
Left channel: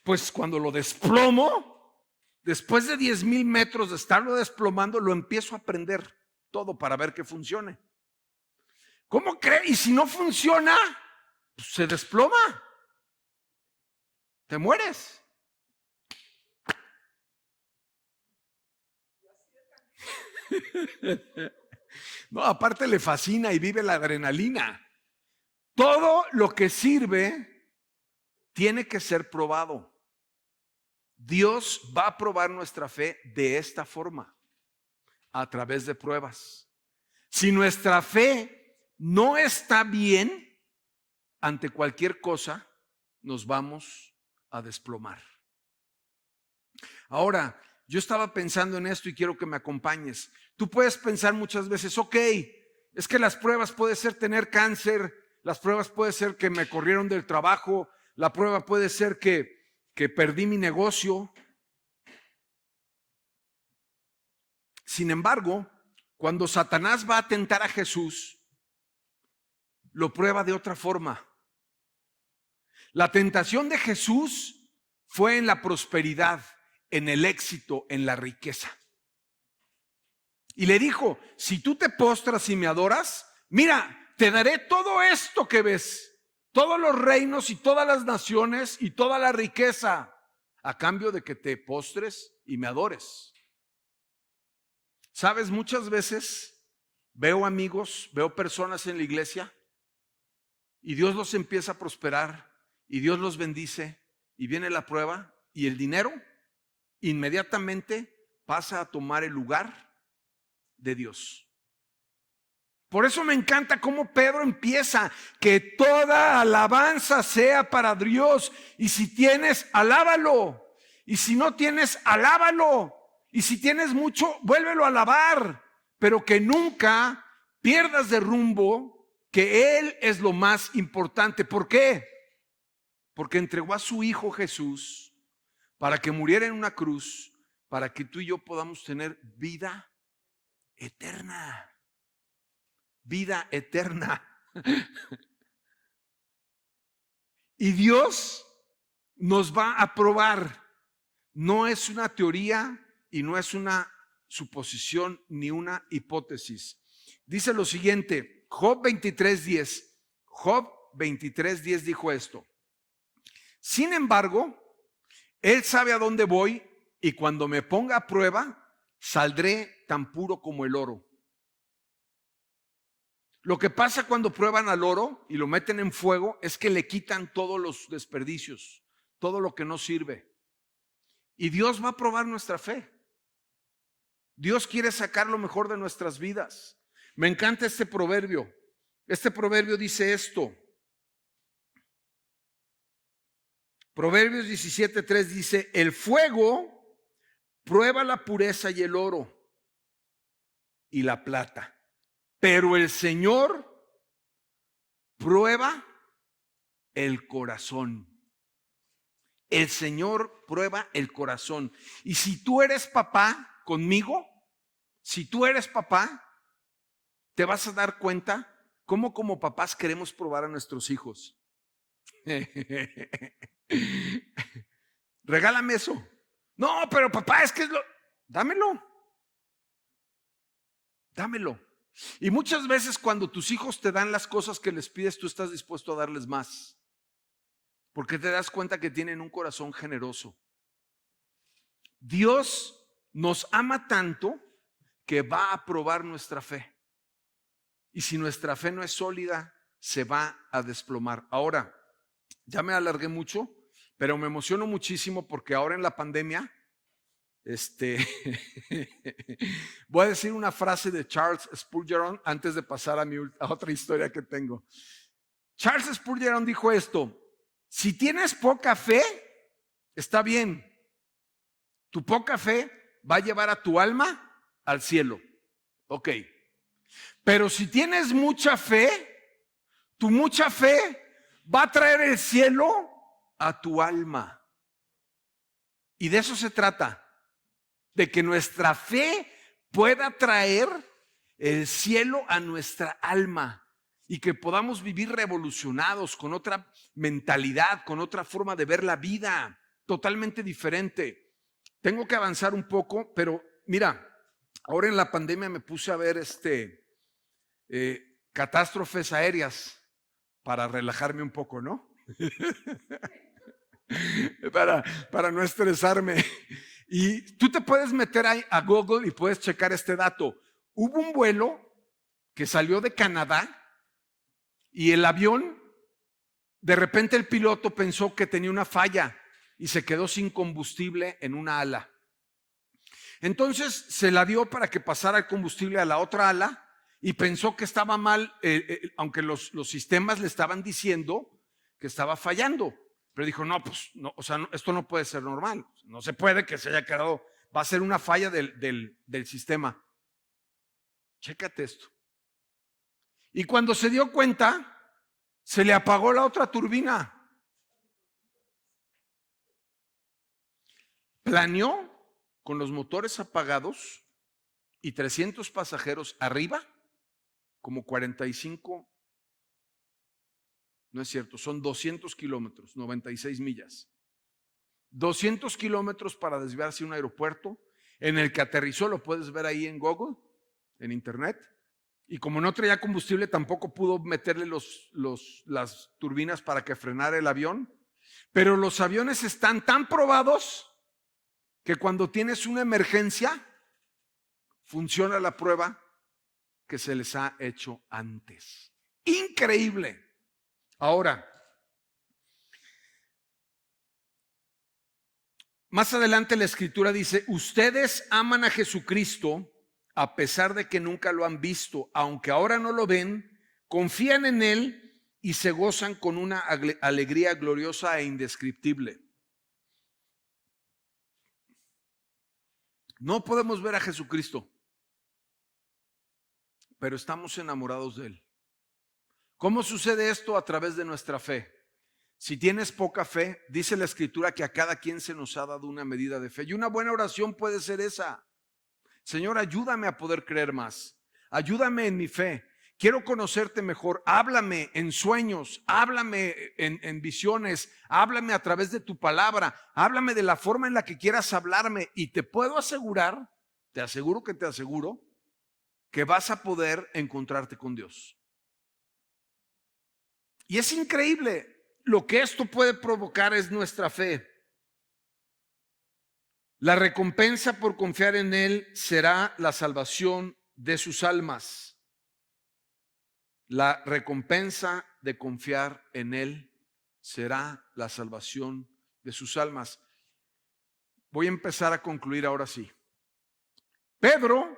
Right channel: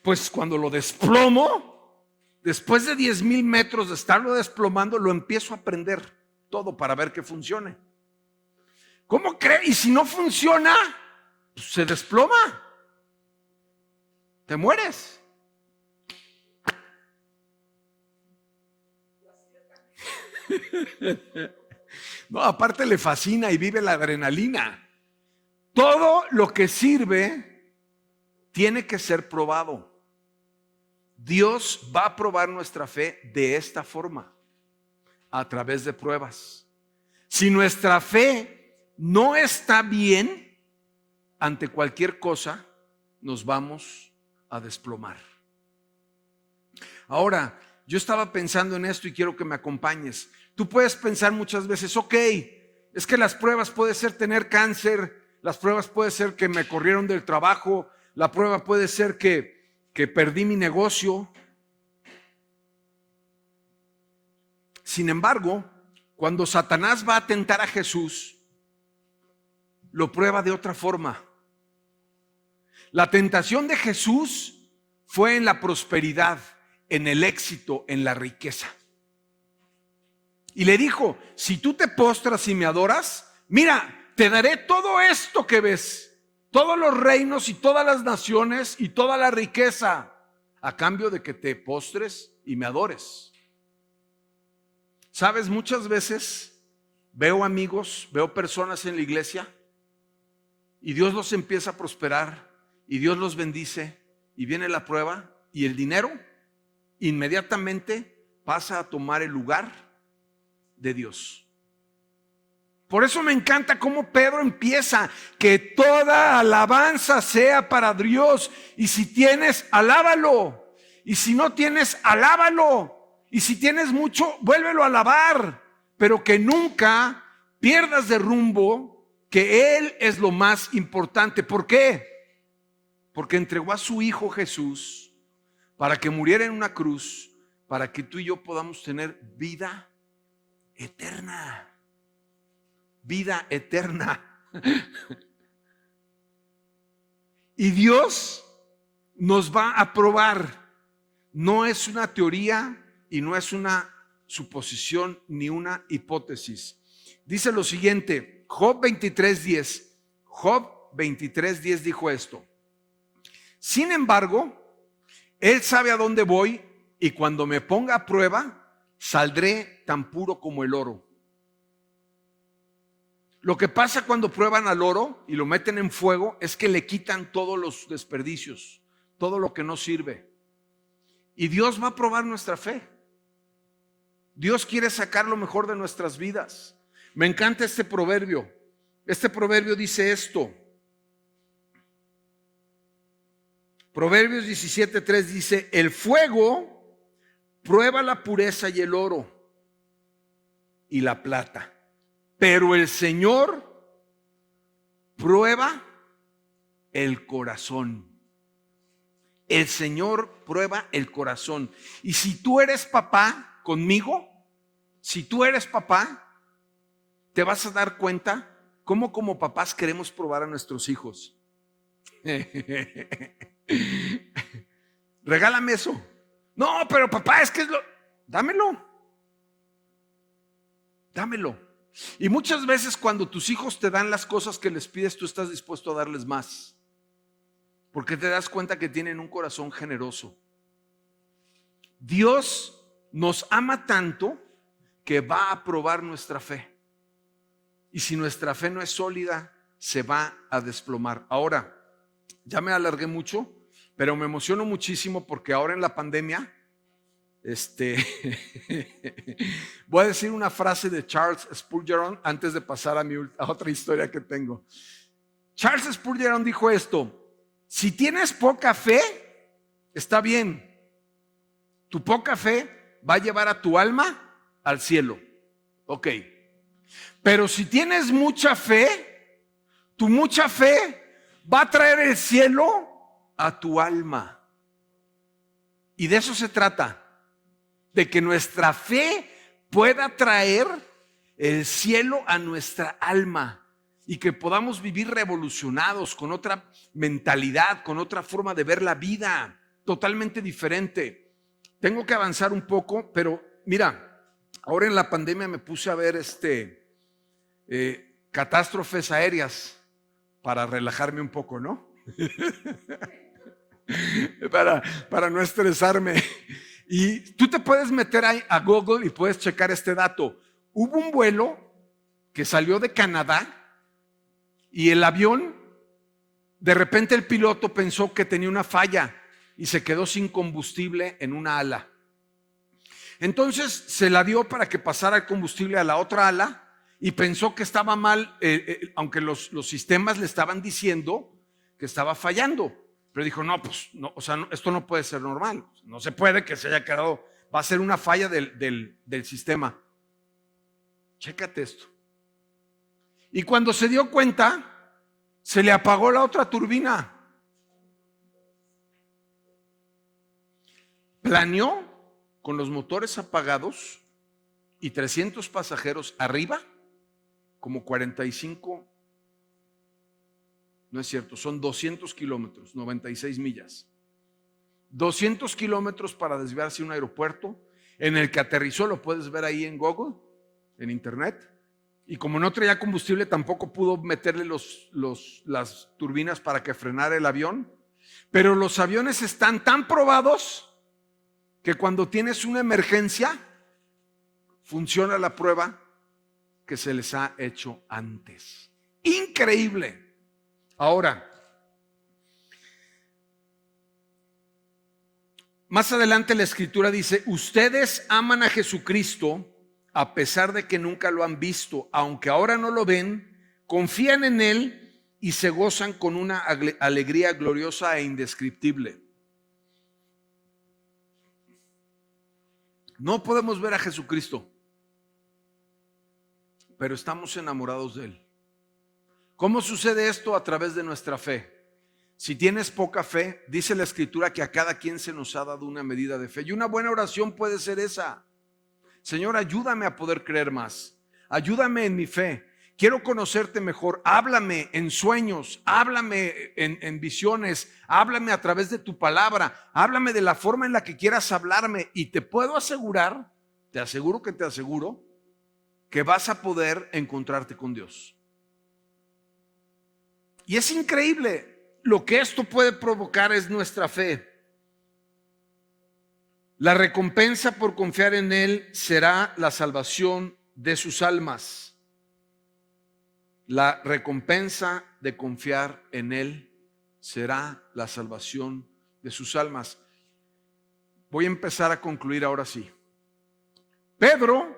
Pues cuando lo desplomo, después de 10,000 metros de estarlo desplomando, lo empiezo a aprender todo para ver que funcione. ¿Cómo crees? Y si no funciona, pues se desploma. Te mueres. No, aparte le fascina y vive la adrenalina. Todo lo que sirve tiene que ser probado. Dios va a probar nuestra fe de esta forma, a través de pruebas. Si nuestra fe no está bien, ante cualquier cosa nos vamos a desplomar. Ahora, yo estaba pensando en esto y quiero que me acompañes. Tú puedes pensar muchas veces, ok, es que las pruebas puede ser tener cáncer, las pruebas puede ser que me corrieron del trabajo, la prueba puede ser que perdí mi negocio. Sin embargo, cuando Satanás va a tentar a Jesús, lo prueba de otra forma. La tentación de Jesús fue en la prosperidad, en el éxito, en la riqueza. Y le dijo, si tú te postras y me adoras, mira, te daré todo esto que ves, todos los reinos y todas las naciones y toda la riqueza, a cambio de que te postres y me adores. Sabes, muchas veces veo amigos, veo personas en la iglesia y Dios los empieza a prosperar y Dios los bendice y viene la prueba y el dinero inmediatamente pasa a tomar el lugar de Dios. Por eso me encanta cómo Pedro empieza, que toda alabanza sea para Dios, y si tienes, alábalo, y si no tienes, alábalo, y si tienes mucho, vuélvelo a alabar, pero que nunca pierdas de rumbo que Él es lo más importante. ¿Por qué? Porque entregó a su Hijo Jesús para que muriera en una cruz, para que tú y yo podamos tener vida eterna. Vida eterna. Y Dios nos va a probar. No es una teoría y no es una suposición ni una hipótesis. Dice lo siguiente, Job 23:10. Job 23:10 dijo esto. Sin embargo, Él sabe a dónde voy y cuando me ponga a prueba, saldré tan puro como el oro. Lo que pasa cuando prueban al oro y lo meten en fuego es que le quitan todos los desperdicios, todo lo que no sirve. Y Dios va a probar nuestra fe. Dios quiere sacar lo mejor de nuestras vidas. Me encanta este proverbio. Este proverbio dice esto. Proverbios 17:3 dice, el fuego prueba la pureza y el oro y la plata, pero el Señor prueba el corazón. El Señor prueba el corazón. Y si tú eres papá conmigo, si tú eres papá, te vas a dar cuenta cómo como papás queremos probar a nuestros hijos. Regálame eso. No, pero papá, es que dámelo. Dámelo. Y muchas veces cuando tus hijos te dan las cosas que les pides, tú estás dispuesto a darles más. Porque te das cuenta que tienen un corazón generoso. Dios nos ama tanto que va a probar nuestra fe. Y si nuestra fe no es sólida, se va a desplomar. Ahora, Ya me alargué mucho, pero me emociono muchísimo porque ahora en la pandemia, voy a decir una frase de Charles Spurgeon antes de pasar a otra historia que tengo. Charles Spurgeon dijo esto: si tienes poca fe, está bien. Tu poca fe va a llevar a tu alma al cielo. Ok. Pero si tienes mucha fe, tu mucha fe va a traer el cielo a tu alma. Y de eso se trata, de que nuestra fe pueda traer el cielo a nuestra alma y que podamos vivir revolucionados, con otra mentalidad, con otra forma de ver la vida, totalmente diferente. Tengo que avanzar un poco, pero mira, ahora en la pandemia me puse a ver catástrofes aéreas para relajarme un poco, ¿no? para no estresarme. Y tú te puedes meter ahí a Google y puedes checar este dato. Hubo un vuelo que salió de Canadá y el avión, de repente el piloto pensó que tenía una falla y se quedó sin combustible en una ala. Entonces se la dio para que pasara el combustible a la otra ala y pensó que estaba mal, aunque los sistemas le estaban diciendo que estaba fallando. Pero dijo, no, pues, no, o sea, no, esto no puede ser normal. No se puede que se haya quedado, va a ser una falla del sistema. Chécate esto. Y cuando se dio cuenta, se le apagó la otra turbina. Planeó con los motores apagados y 300 pasajeros arriba, como 45, no es cierto, son 200 kilómetros, 96 millas. 200 kilómetros para desviarse a un aeropuerto en el que aterrizó, lo puedes ver ahí en Google, en internet. Y como no traía combustible, tampoco pudo meterle las turbinas para que frenara el avión. Pero los aviones están tan probados que cuando tienes una emergencia, funciona la prueba que se les ha hecho antes. Increíble. Ahora, más adelante la escritura dice, ustedes aman a Jesucristo a pesar de que nunca lo han visto, aunque ahora no lo ven, confían en Él y se gozan con una alegría gloriosa e indescriptible. No podemos ver a Jesucristo, pero estamos enamorados de Él. ¿Cómo sucede esto? A través de nuestra fe. Si tienes poca fe, dice la escritura que a cada quien se nos ha dado una medida de fe. Y una buena oración puede ser esa. Señor, ayúdame a poder creer más. Ayúdame en mi fe. Quiero conocerte mejor. Háblame en sueños. Háblame en visiones. Háblame a través de tu palabra. Háblame de la forma en la que quieras hablarme. Y te puedo asegurar, te aseguro que vas a poder encontrarte con Dios. Y es increíble. Lo que esto puede provocar es nuestra fe. La recompensa por confiar en Él será la salvación de sus almas. La recompensa de confiar en Él será la salvación de sus almas. Voy a empezar a concluir ahora sí. Pedro,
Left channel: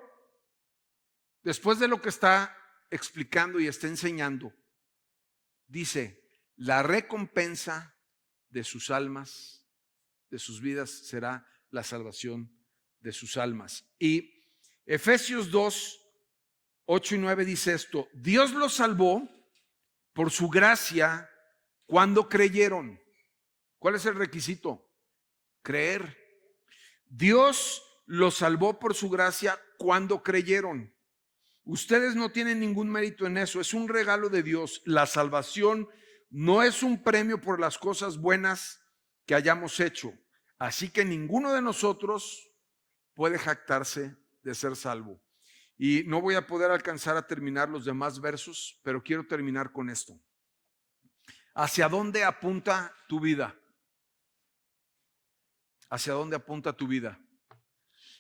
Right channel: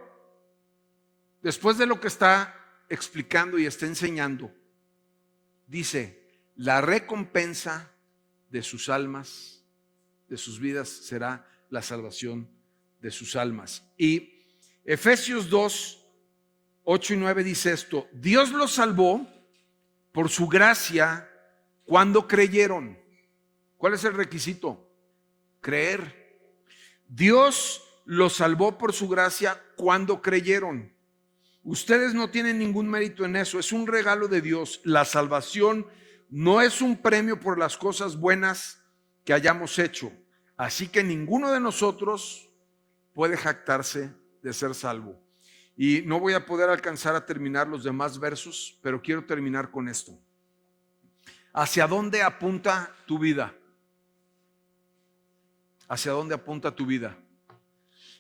después de lo que está explicando y está enseñando, dice, la recompensa de sus almas, de sus vidas, será la salvación de sus almas. Y Efesios 2, 8 y 9 dice esto: Dios los salvó por su gracia cuando creyeron. ¿Cuál es el requisito? Creer. Dios los salvó por su gracia cuando creyeron. Ustedes no tienen ningún mérito en eso, es un regalo de Dios. La salvación no es un premio por las cosas buenas que hayamos hecho. Así que ninguno de nosotros puede jactarse de ser salvo. Y no voy a poder alcanzar a terminar los demás versos, pero quiero terminar con esto. ¿Hacia dónde apunta tu vida? ¿Hacia dónde apunta tu vida?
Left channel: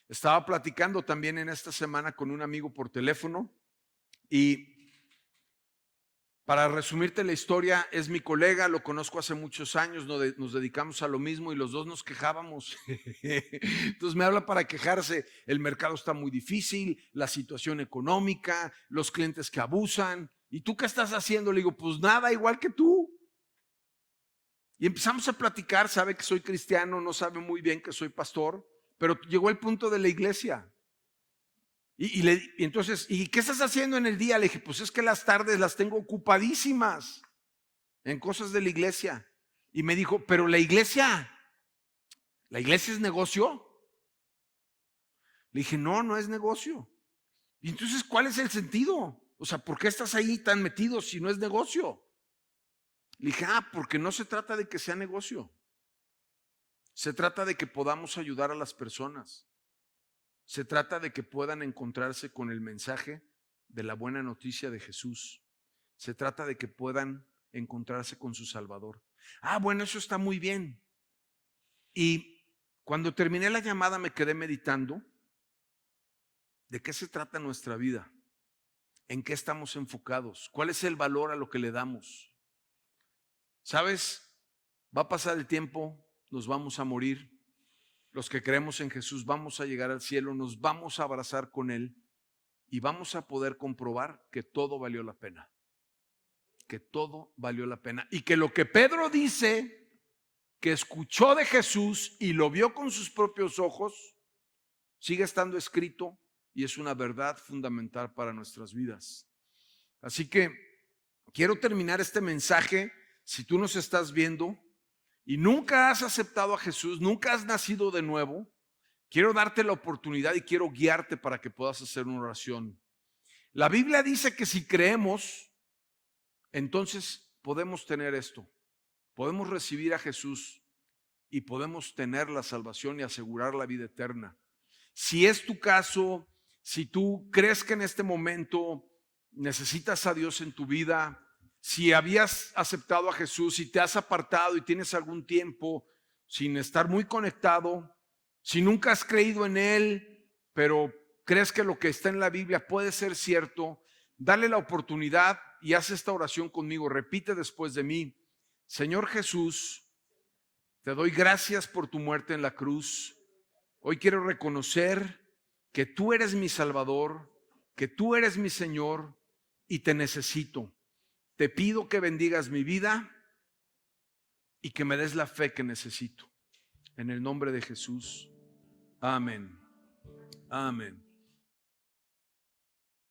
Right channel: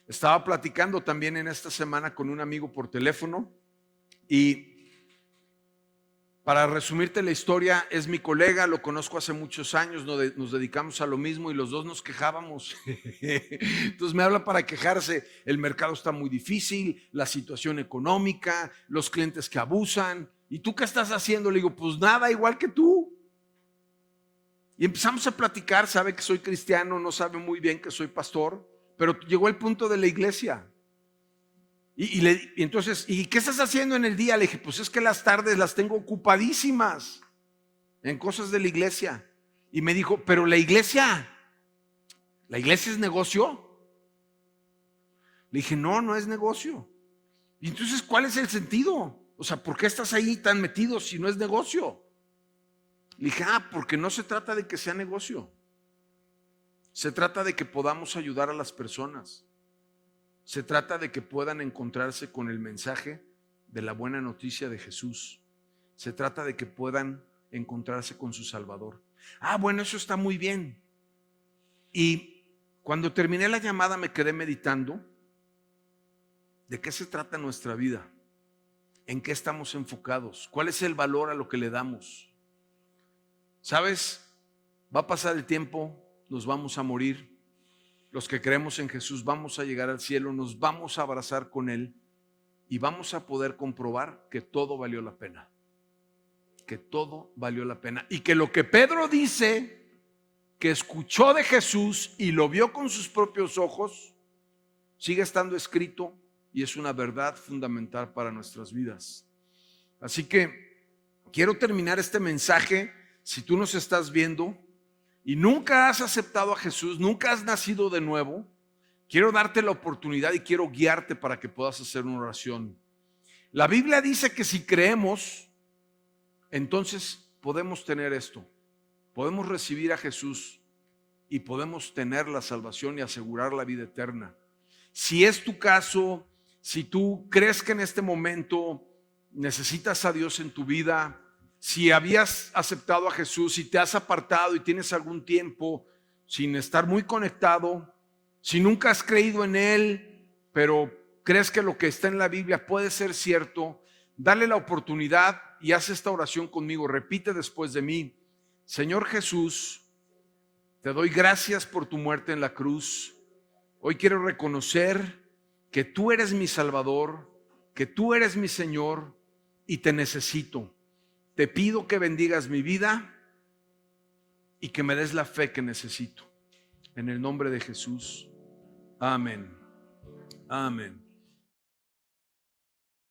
Estaba platicando también en esta semana con un amigo por teléfono y Para resumirte la historia, es mi colega, lo conozco hace muchos años, nos dedicamos a lo mismo y los dos nos quejábamos. Entonces me habla para quejarse, el mercado está muy difícil, la situación económica, los clientes que abusan. ¿Y tú qué estás haciendo? Le digo, pues nada, igual que tú. Y empezamos a platicar, sabe que soy cristiano, no sabe muy bien que soy pastor, pero llegó el punto de la iglesia. Y entonces, ¿y qué estás haciendo en el día? Le dije, pues es que las tardes las tengo ocupadísimas en cosas de la iglesia. Y me dijo, pero ¿la iglesia es negocio? Le dije, no, no es negocio. Y entonces, ¿cuál es el sentido? O sea, ¿por qué estás ahí tan metido si no es negocio? Le dije, porque no se trata de que sea negocio. Se trata de que podamos ayudar a las personas. Se trata de que puedan encontrarse con el mensaje de la buena noticia de Jesús. Se trata de que puedan encontrarse con su Salvador. Bueno, eso está muy bien. Y cuando terminé la llamada me quedé meditando de qué se trata nuestra vida, en qué estamos enfocados, cuál es el valor a lo que le damos. ¿Sabes? Va a pasar el tiempo, nos vamos a morir. Los que creemos en Jesús vamos a llegar al cielo, nos vamos a abrazar con Él y vamos a poder comprobar que todo valió la pena. Que todo valió la pena. Y que lo que Pedro dice, que escuchó de Jesús y lo vio con sus propios ojos, sigue estando escrito y es una verdad fundamental para nuestras vidas. Así que quiero terminar este mensaje. Si tú nos estás viendo y nunca has aceptado a Jesús, nunca has nacido de nuevo, quiero darte la oportunidad y quiero guiarte para que puedas hacer una oración. La Biblia dice que si creemos, entonces podemos tener esto. Podemos recibir a Jesús y podemos tener la salvación y asegurar la vida eterna. Si es tu caso, si tú crees que en este momento necesitas a Dios en tu vida, si habías aceptado a Jesús y te has apartado y tienes algún tiempo sin estar muy conectado, si nunca has creído en Él, pero crees que lo que está en la Biblia puede ser cierto, dale la oportunidad y haz esta oración conmigo. Repite después de mí: Señor Jesús, te doy gracias por tu muerte en la cruz. Hoy quiero reconocer que tú eres mi Salvador, que tú eres mi Señor y te necesito. Te pido que bendigas mi vida y que me des la fe que necesito. En el nombre de Jesús. Amén. Amén.